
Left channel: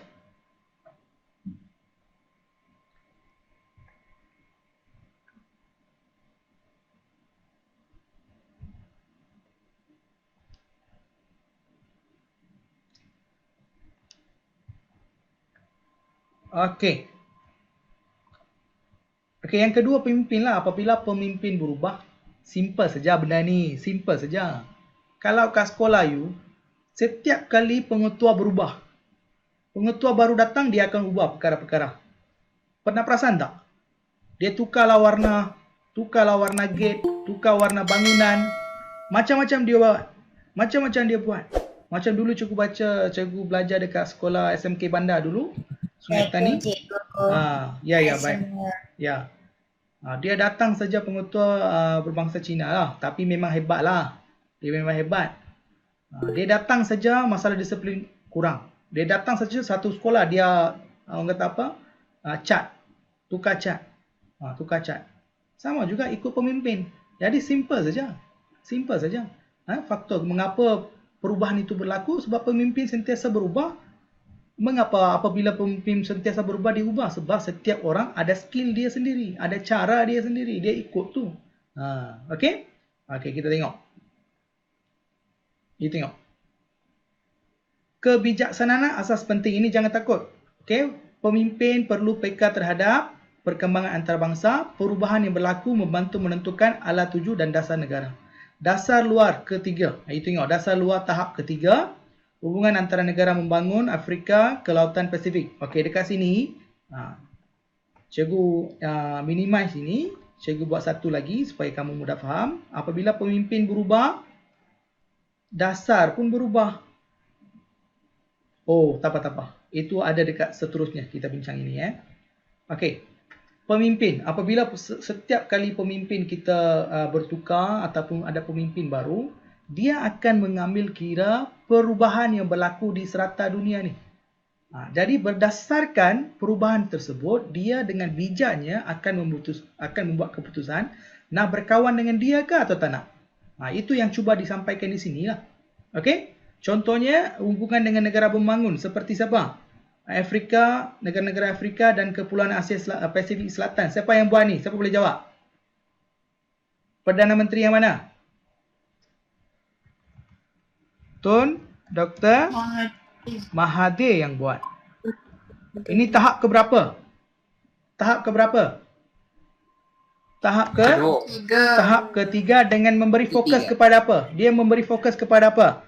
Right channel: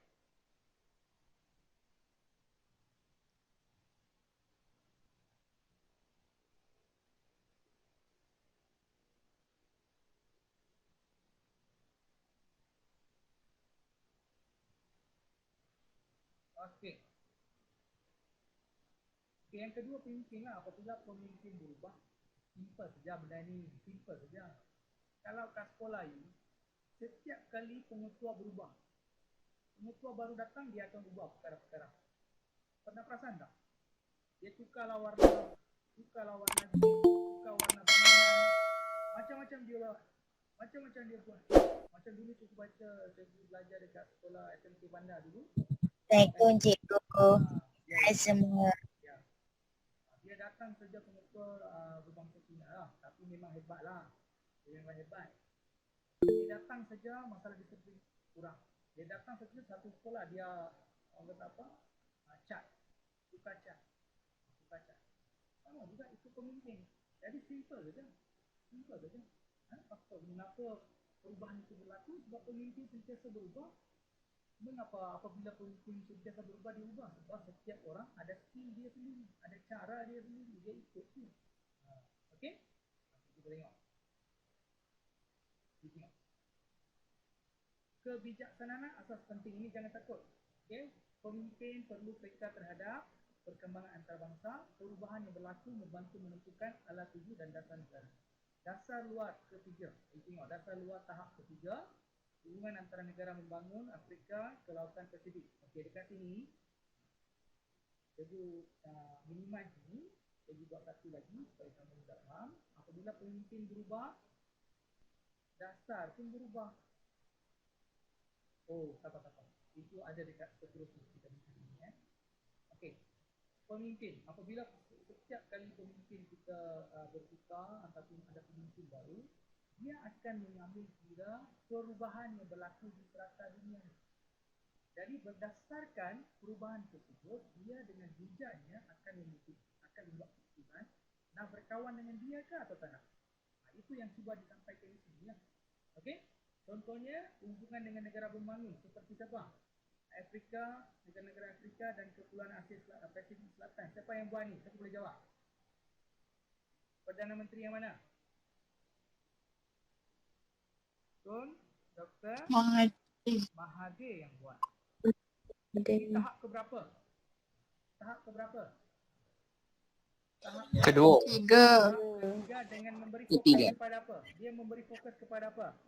Okey. Okey, yang kedua pemimpin lah. Apabila pemimpin berubah, simple saja benda ni. Simple saja. Kalau kat sekolah you, setiap kali pengetua berubah, pengetua baru datang, dia akan ubah perkara-perkara. Pernah perasan tak? Dia tukarlah warna gate, tukar warna bangunan. Macam-macam dia buat. Macam dulu cikgu belajar dekat sekolah SMK Bandar dulu. Sungai Tani. Ya, baik. Ya. Dia datang saja pengetua berbangsa Cina lah, tapi memang hebat lah. Dia memang hebat. Dia datang saja masalah disiplin kurang. Dia datang saja satu sekolah dia orang kata apa? Cat. Tukar cat. Tukar cat. Sama juga ikut pemimpin. Jadi simple saja. Simple saja. Faktor mengapa perubahan itu berlaku sebab pemimpin sentiasa berubah. Mengapa apabila pemimpin sentiasa berubah diubah? Sebab setiap orang ada skill dia sendiri, ada cara dia sendiri, dia ikut tu. Okey? Okey, kita tengok. Kita tengok. Kebijaksanaan asas penting ini jangan takut. Okey, pemimpin perlu peka terhadap perkembangan antarabangsa, perubahan yang berlaku membantu menentukan ala tuju dan dasar negara. Dasar luar ketiga. Itu tengok dasar luar tahap ketiga. Hubungan antara negara membangun Afrika ke Lautan Pasifik. Okey, dekat sini cikgu minimize ini. Cikgu buat satu lagi supaya kamu mudah faham. Apabila pemimpin berubah, dasar pun berubah. Oh, tak apa. Itu ada dekat seterusnya kita bincang ini ya. Okey. Pemimpin. Apabila setiap kali pemimpin kita bertukar ataupun ada pemimpin baru, dia akan mengambil kira perubahan yang berlaku di serata dunia ni. Jadi berdasarkan perubahan tersebut, dia dengan bijaknya akan membuat keputusan nak berkawan dengan dia ke atau tak nak. Itu yang cuba disampaikan di sini lah. Okey? Contohnya hubungan dengan negara pembangun seperti siapa? Afrika, negara-negara Afrika dan Kepulauan Asia Pasifik Selatan. Siapa yang buat ni? Siapa boleh jawab? Perdana Menteri yang mana? Tun Dr. Mahathir yang buat. Ini tahap keberapa? Tahap keberapa? Tahap tahap ketiga dengan memberi fokus kepada apa? Dia memberi fokus kepada apa?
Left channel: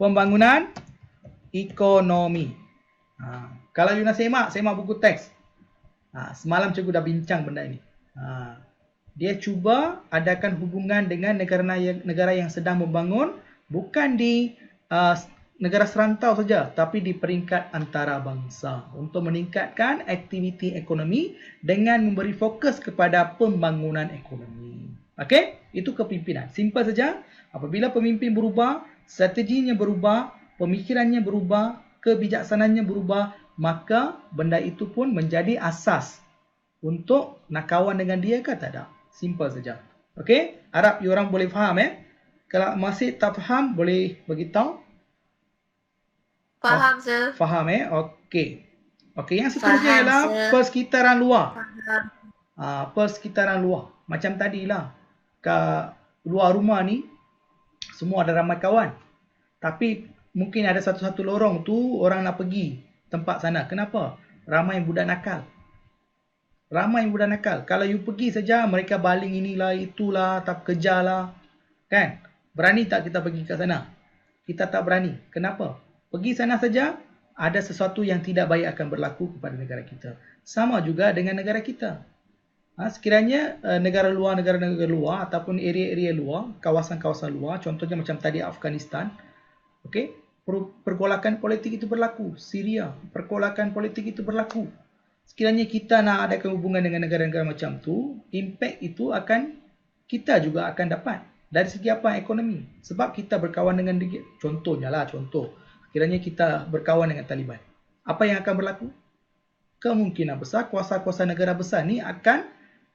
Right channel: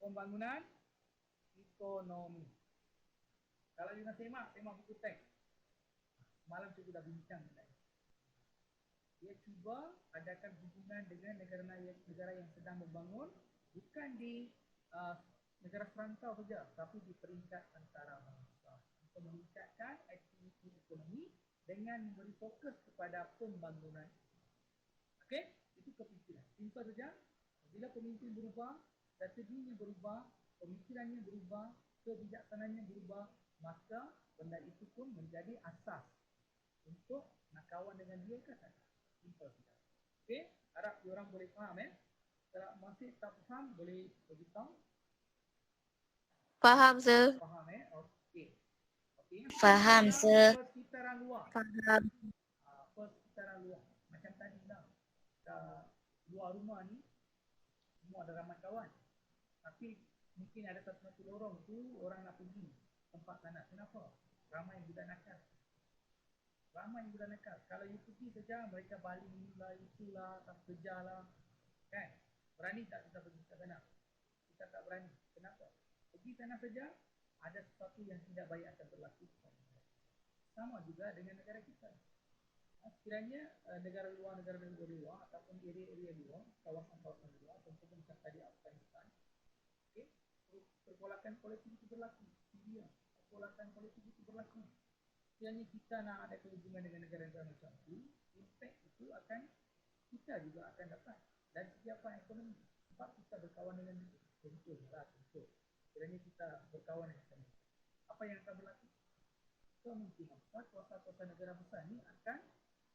Pembangunan ekonomi. Kalau you nak semak buku teks. Semalam cikgu dah bincang benda ini. Dia cuba adakan hubungan dengan negara yang sedang membangun, bukan di negara serantau saja, tapi di peringkat antarabangsa untuk meningkatkan aktiviti ekonomi dengan memberi fokus kepada pembangunan ekonomi. Okey? Itu kepimpinan. Simple saja. Apabila pemimpin berubah, strateginya berubah, pemikirannya berubah, kebijaksanaannya berubah, maka benda itu pun menjadi asas untuk nak kawan dengan dia ke tak ada. Simple saja. Okey? Harap you orang boleh faham Kalau masih tak faham, boleh beritahu. Faham, sir. Faham Okey. Okey, yang seterusnya ialah persekitaran luar. Persekitaran luar. Macam tadilah. Kat luar rumah ni, semua ada ramai kawan. Tapi mungkin ada satu-satu lorong tu orang nak pergi tempat sana. Kenapa? Ramai budak nakal. Ramai budak nakal. Kalau you pergi saja, mereka baling inilah, itulah, tak kejarlah. Kan? Berani tak kita pergi ke sana? Kita tak berani. Kenapa? Pergi sana saja, ada sesuatu yang tidak baik akan berlaku kepada negara kita. Sama juga dengan negara kita. Sekiranya negara luar ataupun area-area luar, kawasan-kawasan luar, contohnya macam tadi Afghanistan, okey, pergolakan politik itu berlaku. Syria, pergolakan politik itu berlaku. Sekiranya kita nak adakan hubungan dengan negara-negara macam tu, impact itu kita juga akan dapat. Dari segi apa? Ekonomi. Sebab kita berkawan dengan dia. Contohnya lah, sekiranya kita berkawan dengan Taliban. Apa yang akan berlaku? Kemungkinan besar kuasa-kuasa negara besar ni akan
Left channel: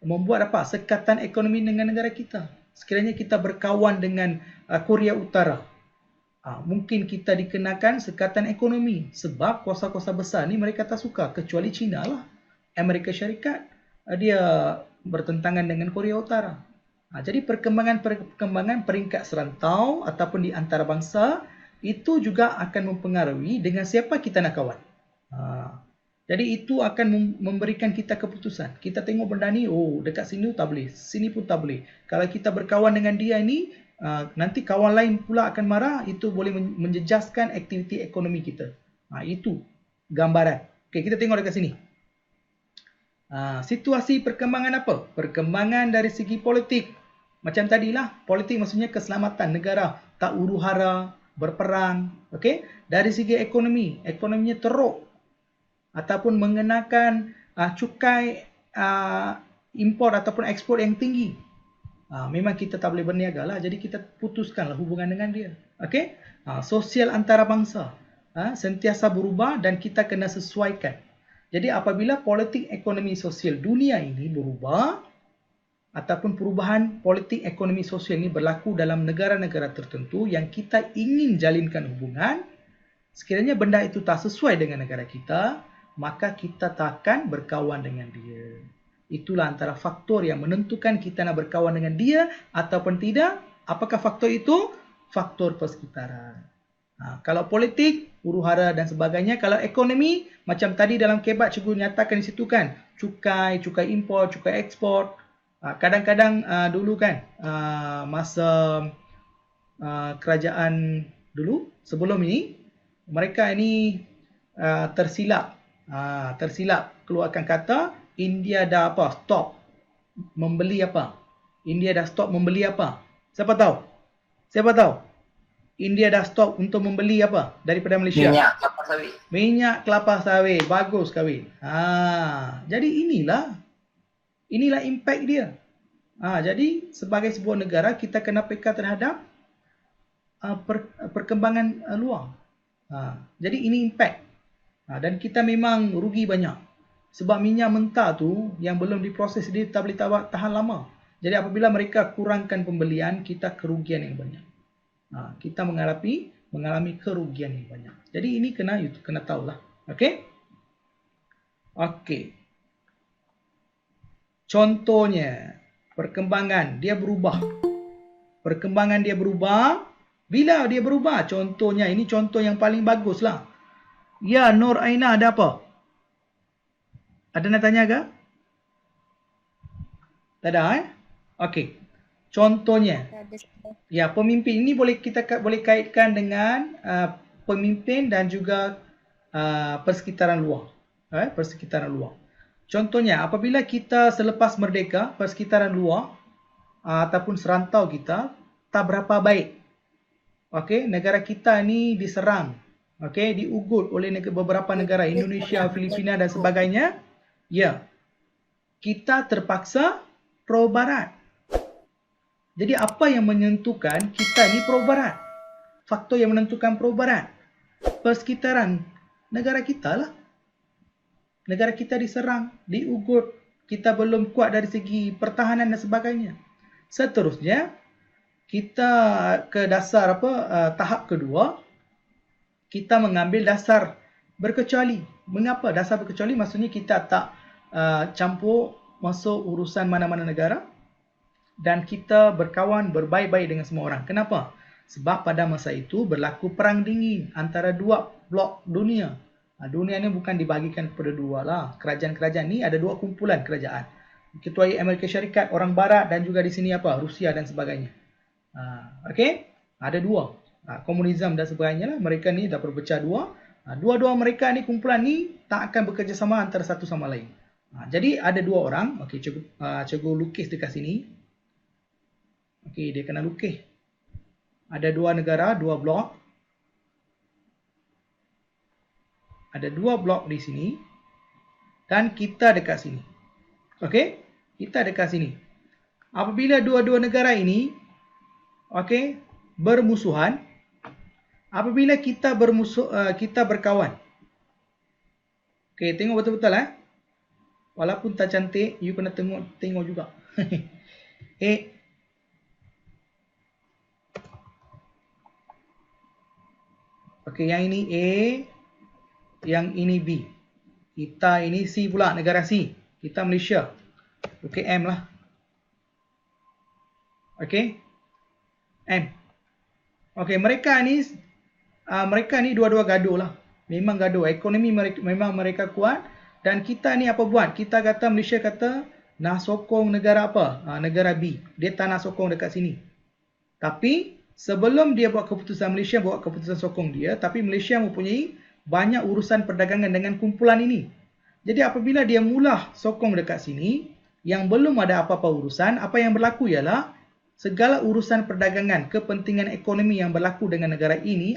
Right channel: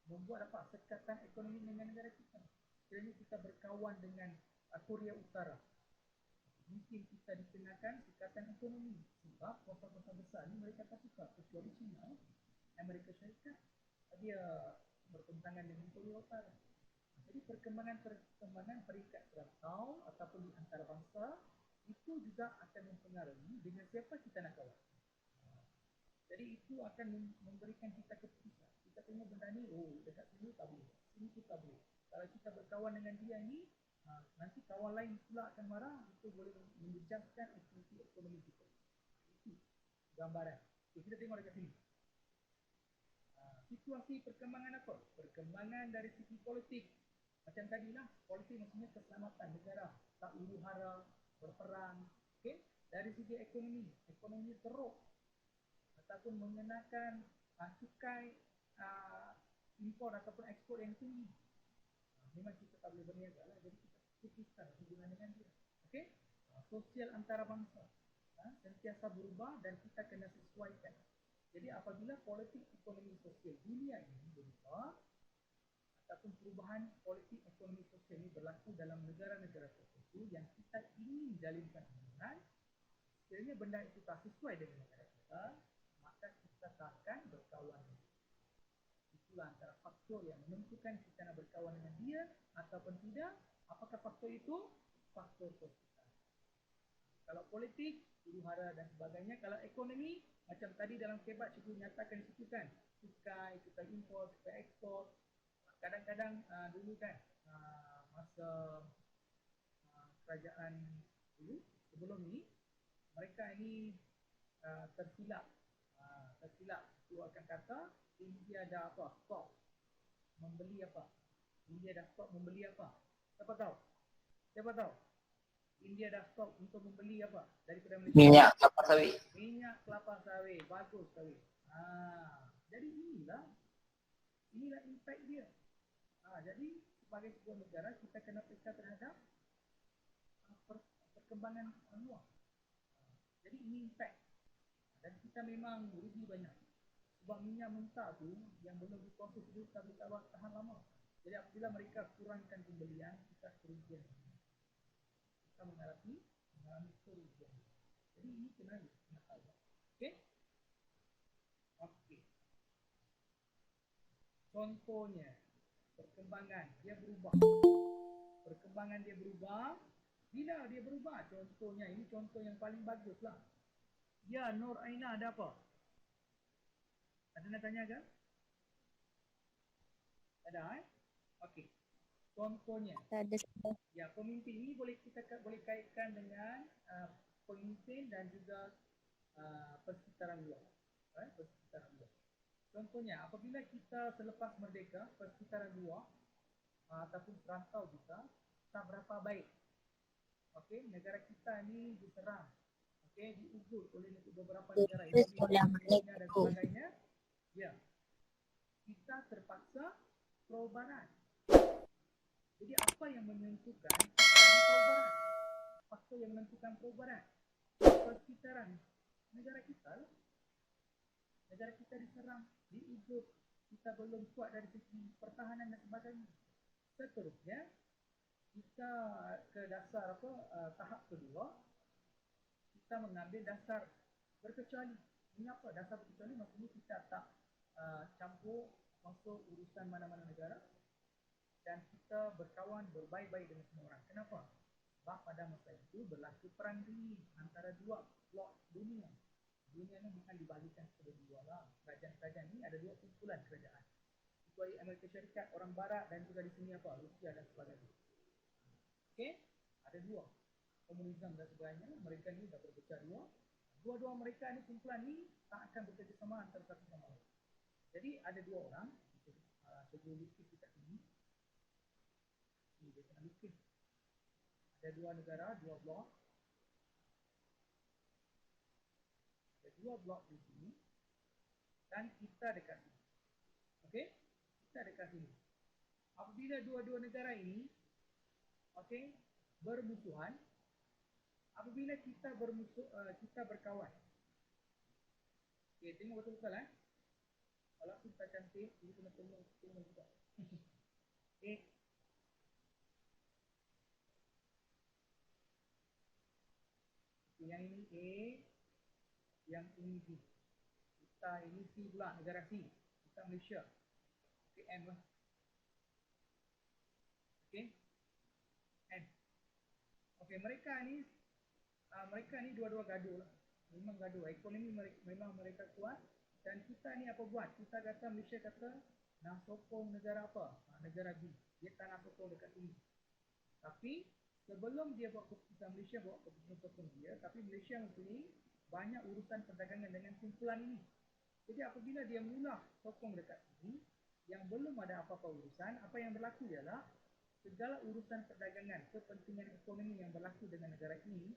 membuat apa? Sekatan ekonomi dengan negara kita. Sekiranya kita berkawan dengan Korea Utara, mungkin kita dikenakan sekatan ekonomi. Sebab kuasa-kuasa besar ni mereka tak suka. Kecuali China lah. Amerika Syarikat, dia bertentangan dengan Korea Utara. Jadi perkembangan peringkat serantau ataupun di antarabangsa itu juga akan mempengaruhi dengan siapa kita nak kawan. Jadi itu akan memberikan kita keputusan. Kita tengok benda ni, dekat sini tak boleh, sini pun tak boleh. Kalau kita berkawan dengan dia ni, nanti kawan lain pula akan marah, itu boleh menjejaskan aktiviti ekonomi kita. Itu gambaran. Okey, kita tengok dekat sini. Situasi perkembangan apa? Perkembangan dari segi politik. Macam tadilah, politik maksudnya keselamatan negara, tak huru-hara, berperang. Okey? Dari segi ekonominya teruk ataupun mengenakan cukai import ataupun ekspor yang tinggi. Memang kita tak boleh berniaga lah. Jadi kita putuskanlah hubungan dengan dia. Okey? Sosial antarabangsa sentiasa berubah dan kita kena sesuaikan. Jadi apabila politik ekonomi sosial dunia ini berubah ataupun perubahan politik ekonomi sosial ini berlaku dalam negara-negara tertentu yang kita ingin jalinkan hubungan, sekiranya benda itu tak sesuai dengan negara kita, maka kita takkan berkawan dengan dia. Itulah antara faktor yang menentukan kita nak berkawan dengan dia ataupun tidak. Apakah faktor itu? Faktor persekitaran. Kalau politik, huru-hara dan sebagainya. Kalau ekonomi, macam tadi dalam kebat cikgu nyatakan di situ kan, cukai impor, cukai ekspor. Kadang-kadang dulu kan, masa kerajaan dulu, sebelum ini, mereka ini tersilap keluarkan kata, India dah stop membeli apa? India dah stop membeli apa? Siapa tahu? India dah stop untuk membeli apa daripada Malaysia? Minyak kelapa sawit. Minyak kelapa sawit. Bagus kahwin. Jadi inilah impact dia. Jadi sebagai sebuah negara kita kena peka terhadap perkembangan luar. Jadi ini impact. Dan kita memang rugi banyak. Sebab minyak mentah tu yang belum diproses dia tak boleh tahan lama. Jadi apabila mereka kurangkan pembelian, kita kerugian yang banyak. Kita mengalami kerugian yang banyak. Jadi ini kena tahulah. Okey? Okey. Contohnya, perkembangan dia berubah. Bila dia berubah? Contohnya, ini contoh yang paling baguslah. Ya, Nur Aina ada apa? Ada nak tanya ke? Tak ada Okey. Contohnya. Ya, pemimpin ini kita boleh kaitkan dengan pemimpin dan juga persekitaran luar. Persekitaran luar. Contohnya, apabila kita selepas merdeka, persekitaran luar ataupun serantau kita tak berapa baik. Okey, negara kita ni diserang. Okey, diugut oleh beberapa negara, Indonesia, Filipina dan sebagainya. Ya, kita terpaksa pro barat. Jadi apa yang menentukan kita ni pro barat? Faktor yang menentukan pro barat, persekitaran negara kita lah. Negara kita diserang, diugut, kita belum kuat dari segi pertahanan dan sebagainya. Seterusnya, kita ke dasar tahap kedua, kita mengambil dasar berkecuali. Mengapa dasar berkecuali? Maksudnya kita tak campur masuk urusan mana-mana negara dan kita berkawan berbaik-baik dengan semua orang. Kenapa? Sebab pada masa itu berlaku perang dingin antara dua blok dunia. Dunia ni bukan dibagikan kepada dua lah. Kerajaan-kerajaan ni ada dua kumpulan kerajaan. Ketuai Amerika Syarikat, orang barat dan juga di sini Rusia dan sebagainya. Okey? Ada dua. Komunisme dan sebagainya lah. Mereka ni dah berpecah dua. Dua-dua mereka ni, kumpulan ni tak akan bekerjasama antara satu sama lain. Jadi ada dua orang. Okey, cikgu lukis dekat sini. Okey, dia kena lukis. Ada dua negara, dua blok. Ada dua blok di sini. Dan kita dekat sini. Okey, kita dekat sini. Apabila dua-dua negara ini bermusuhan, apabila kita berkawan. Okey, tengok betul-betul Walaupun tak cantik, you kena tengok juga. Okey, yang ini A, yang ini B. Kita ini C pula, negara C. Kita Malaysia. Okey, M lah. Okey. M. Okey, mereka ni dua-dua gaduh lah. Memang gaduh. Ekonomi memang mereka kuat. Dan kita ni apa buat? Kita kata, Malaysia kata nak sokong negara apa? Negara B. Dia tak nak sokong dekat sini. Tapi sebelum dia buat keputusan, Malaysia buat keputusan sokong dia. Tapi Malaysia mempunyai banyak urusan perdagangan dengan kumpulan ini. Jadi apabila dia mula sokong dekat sini, yang belum ada apa-apa urusan, apa yang berlaku ialah segala urusan perdagangan, kepentingan ekonomi yang berlaku dengan negara ini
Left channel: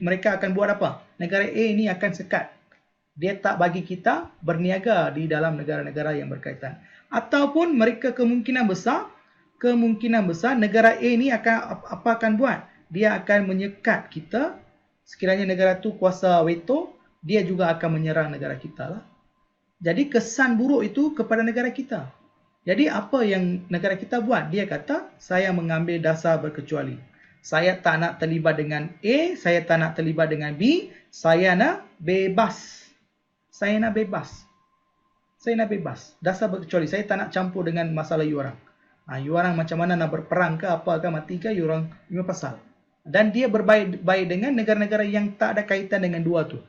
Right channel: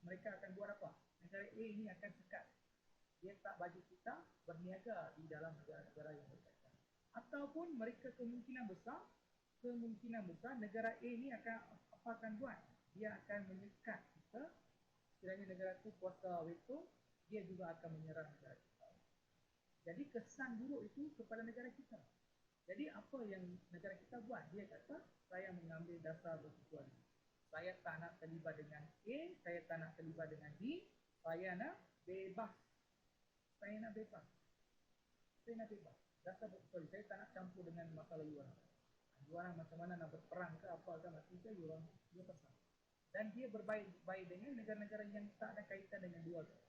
mereka akan buat apa? Negara A ini akan sekat. Dia tak bagi kita berniaga di dalam negara-negara yang berkaitan. Ataupun mereka kemungkinan besar negara A ni akan buat? Dia akan menyekat kita. Sekiranya negara tu kuasa veto, dia juga akan menyerang negara kita lah. Jadi kesan buruk itu kepada negara kita. Jadi apa yang negara kita buat? Dia kata, saya mengambil dasar berkecuali. Saya tak nak terlibat dengan A, saya tak nak terlibat dengan B, saya nak bebas. Saya nak bebas. Dasar berkecuali. Saya tak nak campur dengan masalah you orang. You orang macam mana nak berperang ke apa ke mati ke, you orang pasal. Dan dia berbaik dengan negara-negara yang tak ada kaitan dengan dua tu.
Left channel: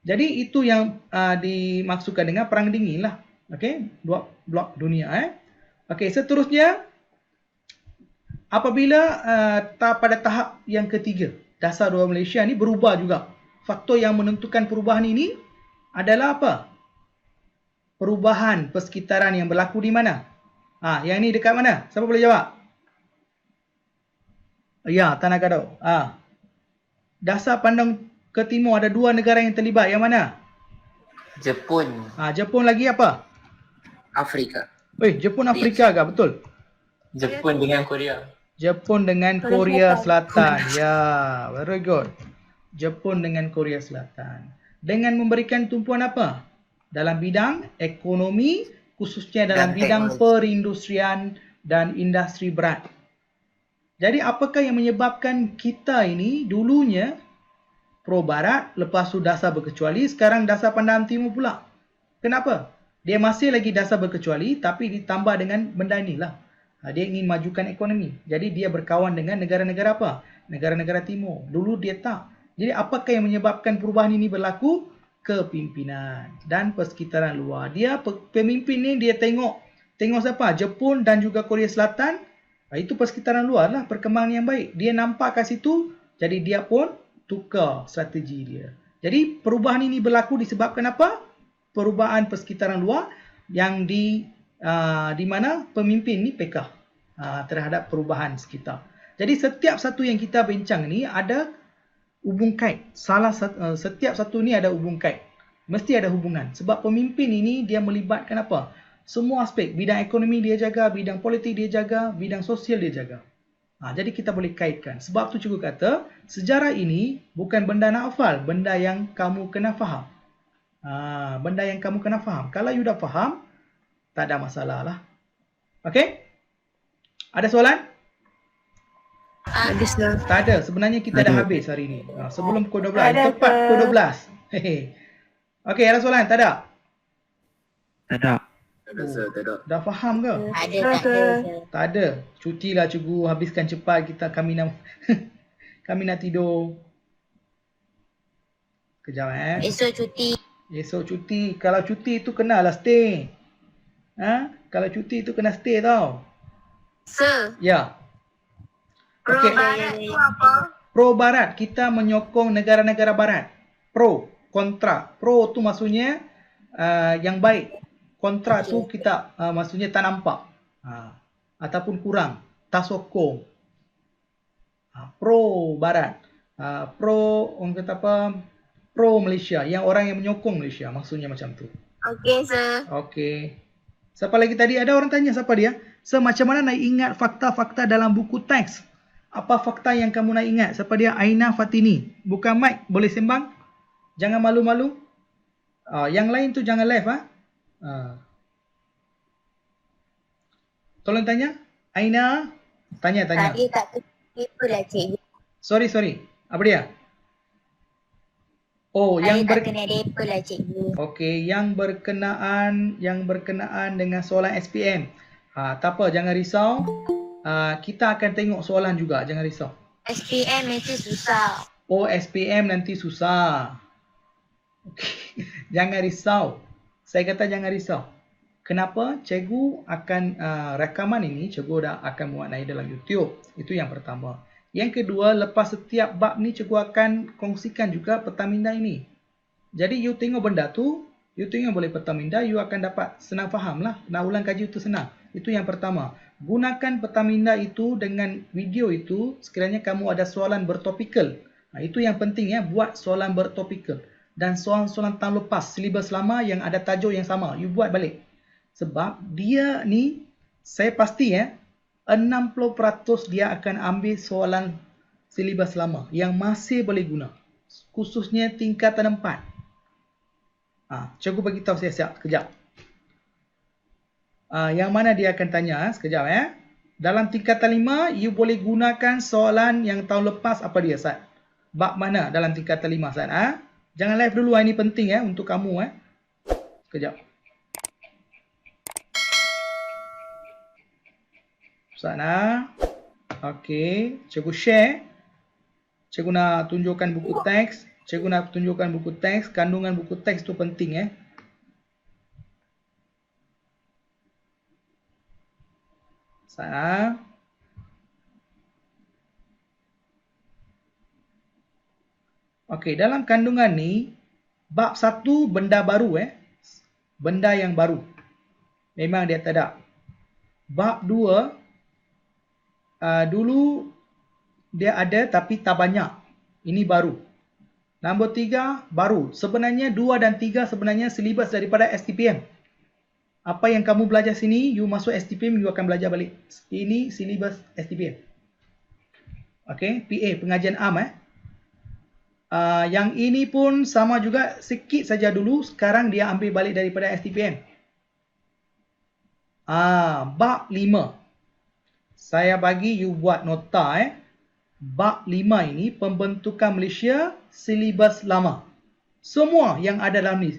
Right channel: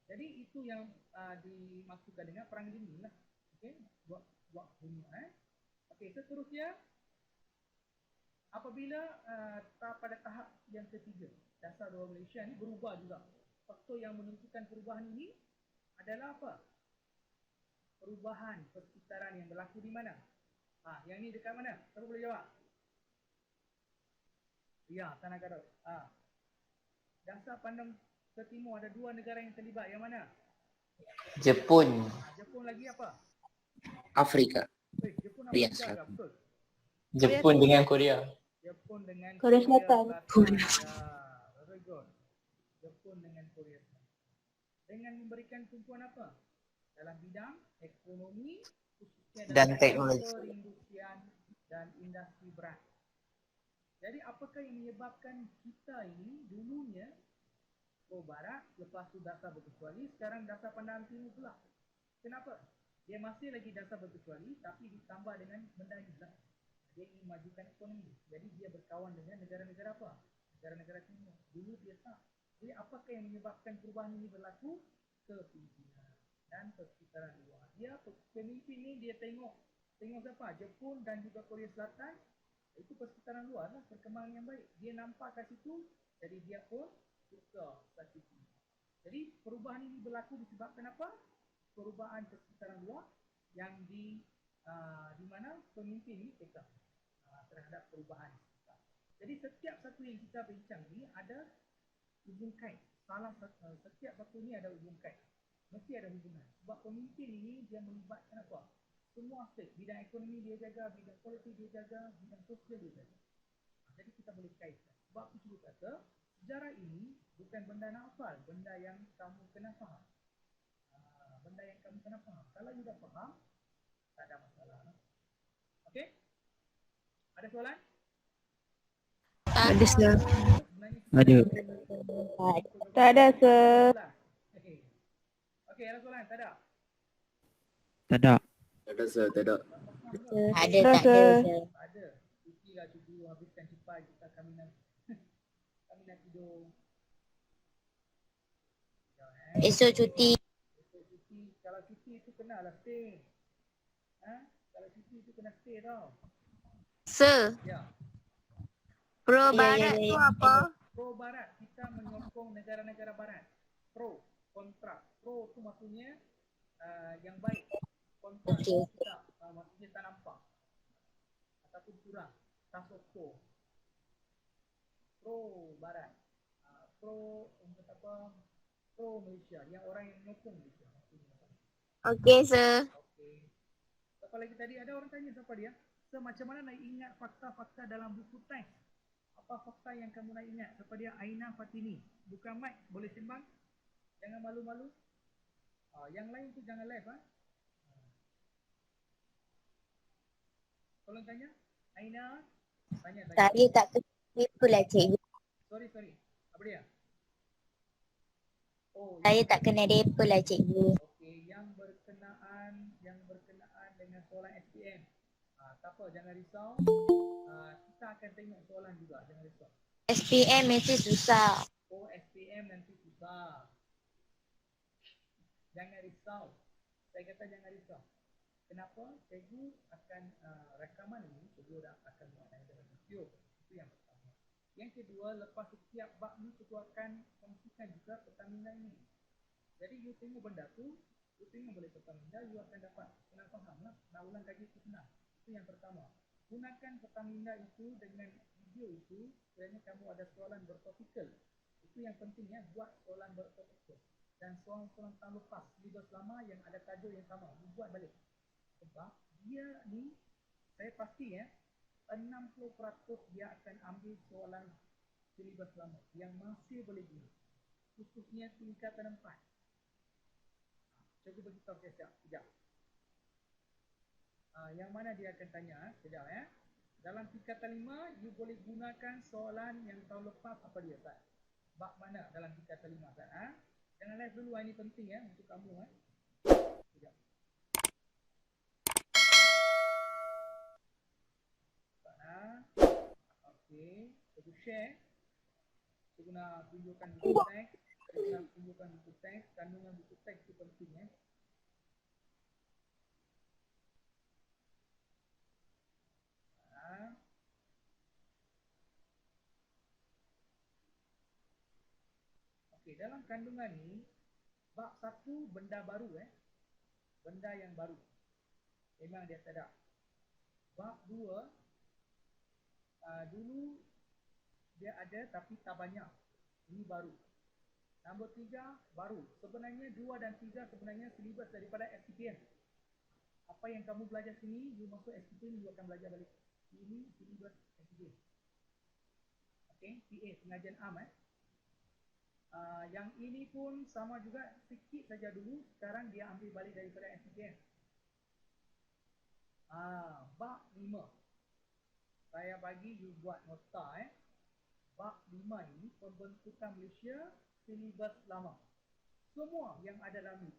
Jadi itu yang dimaksudkan dengan perang dingin lah. Okey, dua blok dunia. Okey, seterusnya apabila pada tahap yang ketiga, dasar dua Malaysia ni berubah juga. Faktor yang menentukan perubahan ini adalah apa? Perubahan persekitaran yang berlaku di mana? Yang ni dekat mana? Siapa boleh jawab? Ya, Tanah Gadau. Dasar pandang ke timur ada dua negara yang terlibat. Yang mana? Jepun. Jepun lagi apa? Afrika. Jepun Afrika ke? Betul. Jepun dengan Korea. Jepun dengan Korea Selatan. Ya, very good. Jepun dengan Korea Selatan. Dengan memberikan tumpuan apa? Dalam bidang ekonomi, khususnya dalam Dan bidang teknologi. perindustrian dan industri berat. Jadi apakah yang menyebabkan kita ini dulunya pro barat, lepas tu dasar berkecuali, sekarang dasar pandang timur pula? Kenapa? Dia masih lagi dasar berkecuali tapi ditambah dengan benda inilah. Dia ingin majukan ekonomi. Jadi dia berkawan dengan negara-negara apa? Negara-negara timur. Dulu dia tak. Jadi apakah yang menyebabkan perubahan ini berlaku? Kepimpinan dan persekitaran luar. Pemimpin ni dia tengok siapa? Jepun dan juga Korea Selatan. Itu persekitaran luar lah, perkembangan yang baik. Dia nampak kat situ, jadi dia pun tukar strategi dia. Jadi perubahan ini berlaku disebabkan apa? Perubahan persekitaran luar yang di mana pemimpin ni pekah terhadap perubahan sekitar. Jadi setiap satu yang kita bincang ni ada hubung kait. Setiap satu ni ada hubung kait. Mesti ada hubungan. Sebab pemimpin ini dia melibatkan apa? Semua aspek. Bidang ekonomi dia jaga, bidang politik dia jaga, bidang sosial dia jaga. Jadi kita boleh kaitkan. Sebab tu cikgu kata, sejarah ini bukan benda nak hafal, benda yang kamu kena faham. Benda yang kamu kena faham. Kalau you dah faham, tak ada masalah lah. Okey? Ada soalan? Ada sir. Tak ada. Sebenarnya kita dah habis hari ni. Sebelum pukul 12. Ada, Tepat sir. pukul 12. Okey, ada soalan? Tak ada? Tak ada. Dah faham ke? Ada tak ada sir. Tak ada. Cutilah cikgu, habiskan cepat kami nak kami nak tidur. Kejap Esok cuti. Esok cuti. Kalau cuti tu kenalah stay. Kalau cuti tu kena stay tau. Sir, Ya. pro Okey. barat tu apa? Pro barat, kita menyokong negara-negara barat. Pro, kontra. Pro tu maksudnya yang baik. Kontra tu kita maksudnya tak nampak. Ataupun kurang. Tak sokong. Pro barat. Pro, orang kata apa? Pro Malaysia. Yang orang yang menyokong Malaysia. Maksudnya macam tu. Okey sir. Okey. Siapa lagi tadi? Ada orang tanya siapa dia? So, macam mana nak ingat fakta-fakta dalam buku teks? Apa fakta yang kamu nak ingat? Siapa dia? Aina Fatini. Bukan mic. Boleh sembang? Jangan malu-malu. Yang lain tu jangan live. Tolong tanya. Aina. Tanya. Saya tak kena lah cikgu. Sorry. Apa dia? Oh, Saya tak kena depa lah cikgu. Okey, yang berkenaan dengan soalan SPM. Tak apa, jangan risau. Kita akan tengok soalan juga, jangan risau. SPM mesti susah. Oh, SPM nanti susah. Okay. Jangan risau. Saya kata jangan risau. Kenapa? Cikgu akan rakaman ini, cikgu dah akan muat naik dalam YouTube. Itu yang pertama. Yang kedua, lepas setiap bab ni cikgu akan kongsikan juga peta minda ini. Jadi you tengok benda tu, you tengok boleh peta minda, you akan dapat senang faham lah. Nak ulang kaji itu senang. Itu yang pertama. Gunakan peta minda itu dengan video itu sekiranya kamu ada soalan bertopikal. Itu yang penting ya, buat soalan bertopikal. Dan soalan-soalan tahun lepas, silibus lama yang ada tajuk yang sama, you buat balik. Sebab dia ni, saya pasti 60% dia akan ambil soalan silibus lama yang masih boleh guna. Khususnya tingkatan 4. Cikgu bagi tahu siap-siap sekejap. Yang mana dia akan tanya sekejap Dalam tingkatan 5, you boleh gunakan soalan yang tahun lepas apa dia, Sat? Bab mana dalam tingkatan 5, Sat? Jangan live dulu, ini penting untuk kamu. Sekejap. Sana. Okey, cikgu share. Cikgu nak tunjukkan buku teks. Cikgu nak tunjukkan buku teks. Kandungan buku teks tu penting Sana. Okey, dalam kandungan ni bab 1 benda baru Benda yang baru. Memang dia tak ada. Bab 2 dulu dia ada tapi tak banyak. Ini baru. Nombor 3 baru. Sebenarnya 2 dan 3 sebenarnya silibus daripada STPM. Apa yang kamu belajar sini, you masuk STPM, you akan belajar balik. Ini silibus STPM. Okey, PA, pengajian am yang ini pun sama juga, sikit saja dulu, sekarang dia ambil balik daripada STPM. Bab 5. Saya bagi you buat nota Bab 5 ini pembentukan Malaysia silibus lama. Semua yang ada dalam ni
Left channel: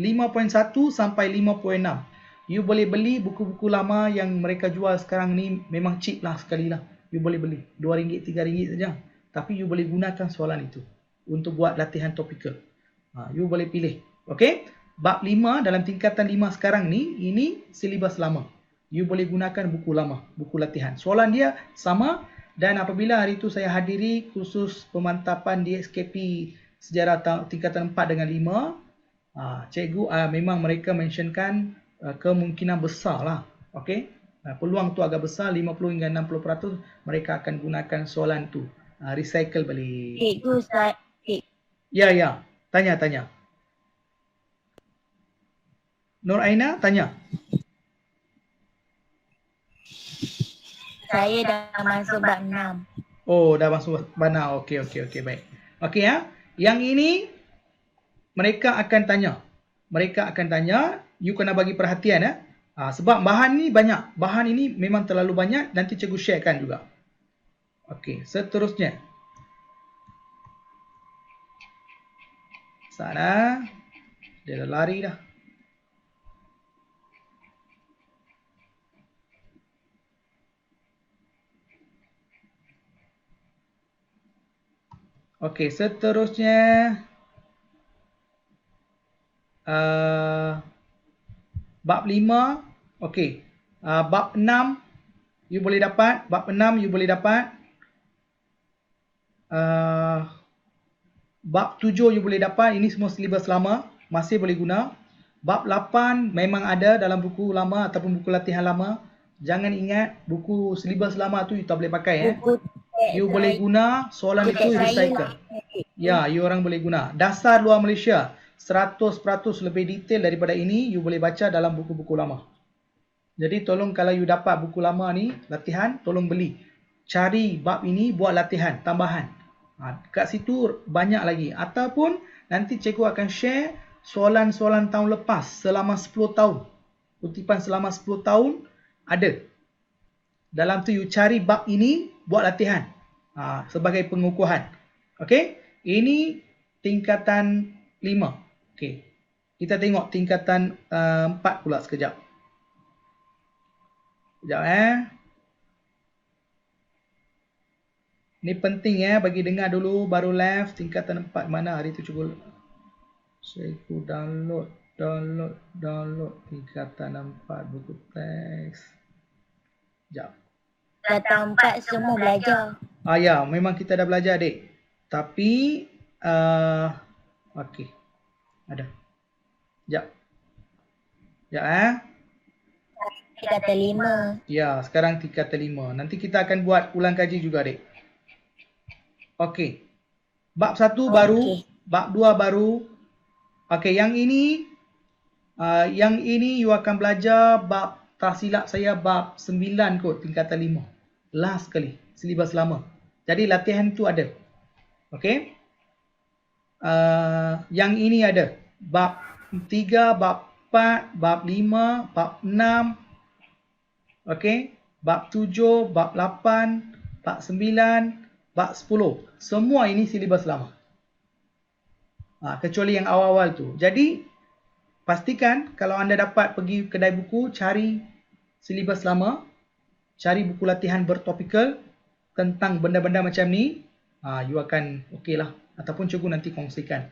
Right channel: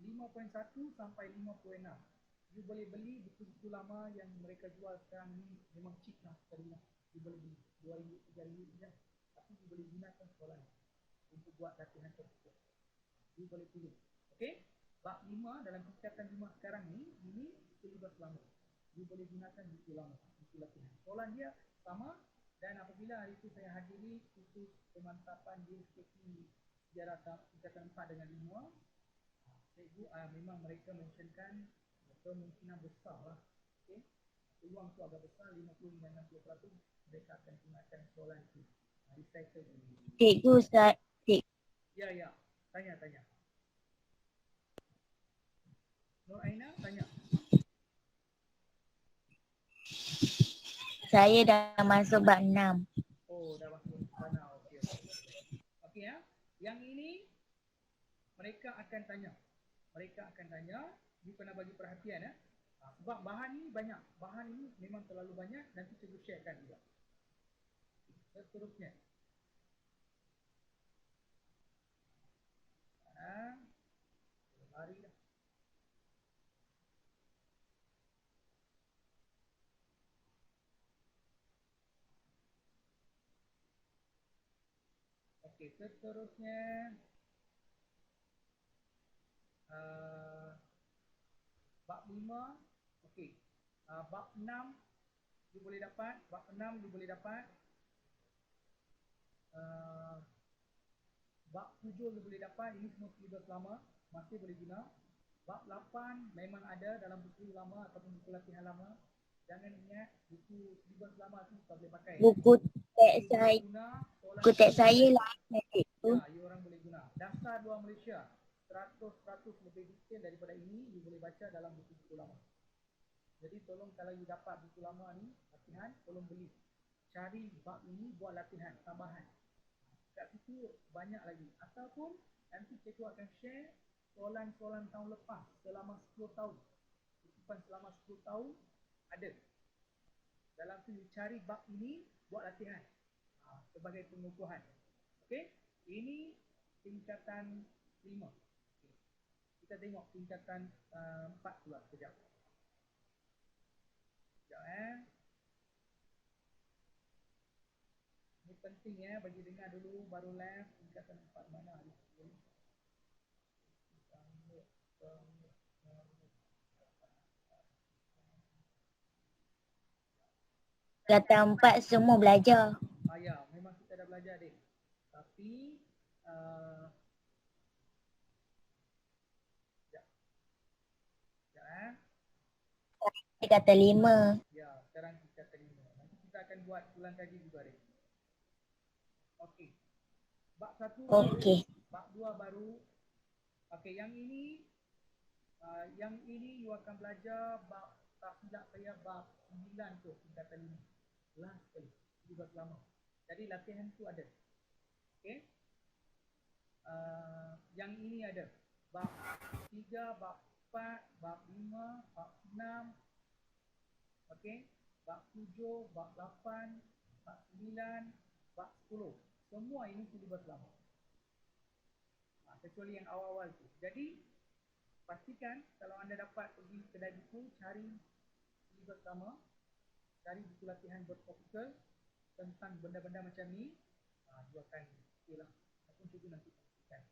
5.1 sampai 5.6. You boleh beli buku-buku lama yang mereka jual sekarang ni, memang cheap lah sekali lah. You boleh beli RM2, RM3 saja. Tapi you boleh gunakan soalan itu untuk buat latihan topikal. You boleh pilih. Okey? Bab 5 dalam tingkatan 5 sekarang ni, ini silibus lama. You boleh gunakan buku lama, buku latihan. Soalan dia sama, dan apabila hari itu saya hadiri kursus pemantapan DXKP sejarah tingkatan 4 dengan 5, cikgu memang mereka mentionkan kemungkinan besar lah. Okey? Peluang tu agak besar, 50 hingga 60% mereka akan gunakan soalan tu. Recycle balik. Cikgu, Ustaz. Ya. Tanya. Nur Aina, tanya. Saya dah masuk bab 6. Oh, dah masuk mana? Okey, baik. Okey Yang ini mereka akan tanya. You kena bagi perhatian sebab bahan ni banyak. Bahan ini memang terlalu banyak, nanti cikgu sharekan juga. Okey, seterusnya. Sana. Dia dah lari dah. Okey, seterusnya bab 5. Okey. Bab 6 you boleh dapat, bab 6 you boleh dapat. Bab 7 you boleh dapat, ini semua silibus lama, masih boleh guna. Bab 8 memang ada dalam buku lama ataupun buku latihan lama. Jangan ingat buku silibus lama tu you tak boleh pakai Buku teks You boleh guna soalan buku itu teks saya recycle. lah. Ya, you orang boleh guna. Dasar luar Malaysia 100% lebih detail daripada ini you boleh baca dalam buku-buku lama. Jadi tolong kalau you dapat buku lama ni latihan, tolong beli. Cari bab ini buat latihan tambahan. Kat situ banyak lagi. Ataupun nanti cikgu akan share soalan-soalan tahun lepas selama 10 tahun. Kutipan selama 10 tahun ada. Dalam tu you cari bab ini buat latihan sebagai pengukuhan. Okey? Ini tingkatan 5. Okey. Kita tengok tingkatan 4 pula sekejap. Sekejap Ni penting bagi dengar dulu baru live tingkatan 4 mana hari tu cikgu. Cikgu download tingkatan 4 buku teks. Sekejap. Datang 4 semua belajar. Ya, memang kita dah belajar adik. Tapi okey. Ada. Sekejap. Tingkatan 5. Ya, sekarang tingkatan 5. Nanti kita akan buat ulang kaji juga adik. Okey. Bab 1 baru, bab 2 baru. Okey, yang ini Yang ini you akan belajar bab, tak silap saya bab 9 kot, tingkatan 5. Last sekali, silibus lama. Jadi latihan tu ada. Okey. Yang ini ada bab 3, bab 4, bab 5, bab 6. Okey. Bab 7, bab 8, bab 9, bab 10. Semua ini silibus lama. Kecuali yang awal-awal tu. Jadi pastikan kalau anda dapat pergi kedai buku, cari silibus lama, cari buku latihan bertopikal tentang benda-benda macam ni, you akan okey lah. Ataupun cikgu nanti kongsikan.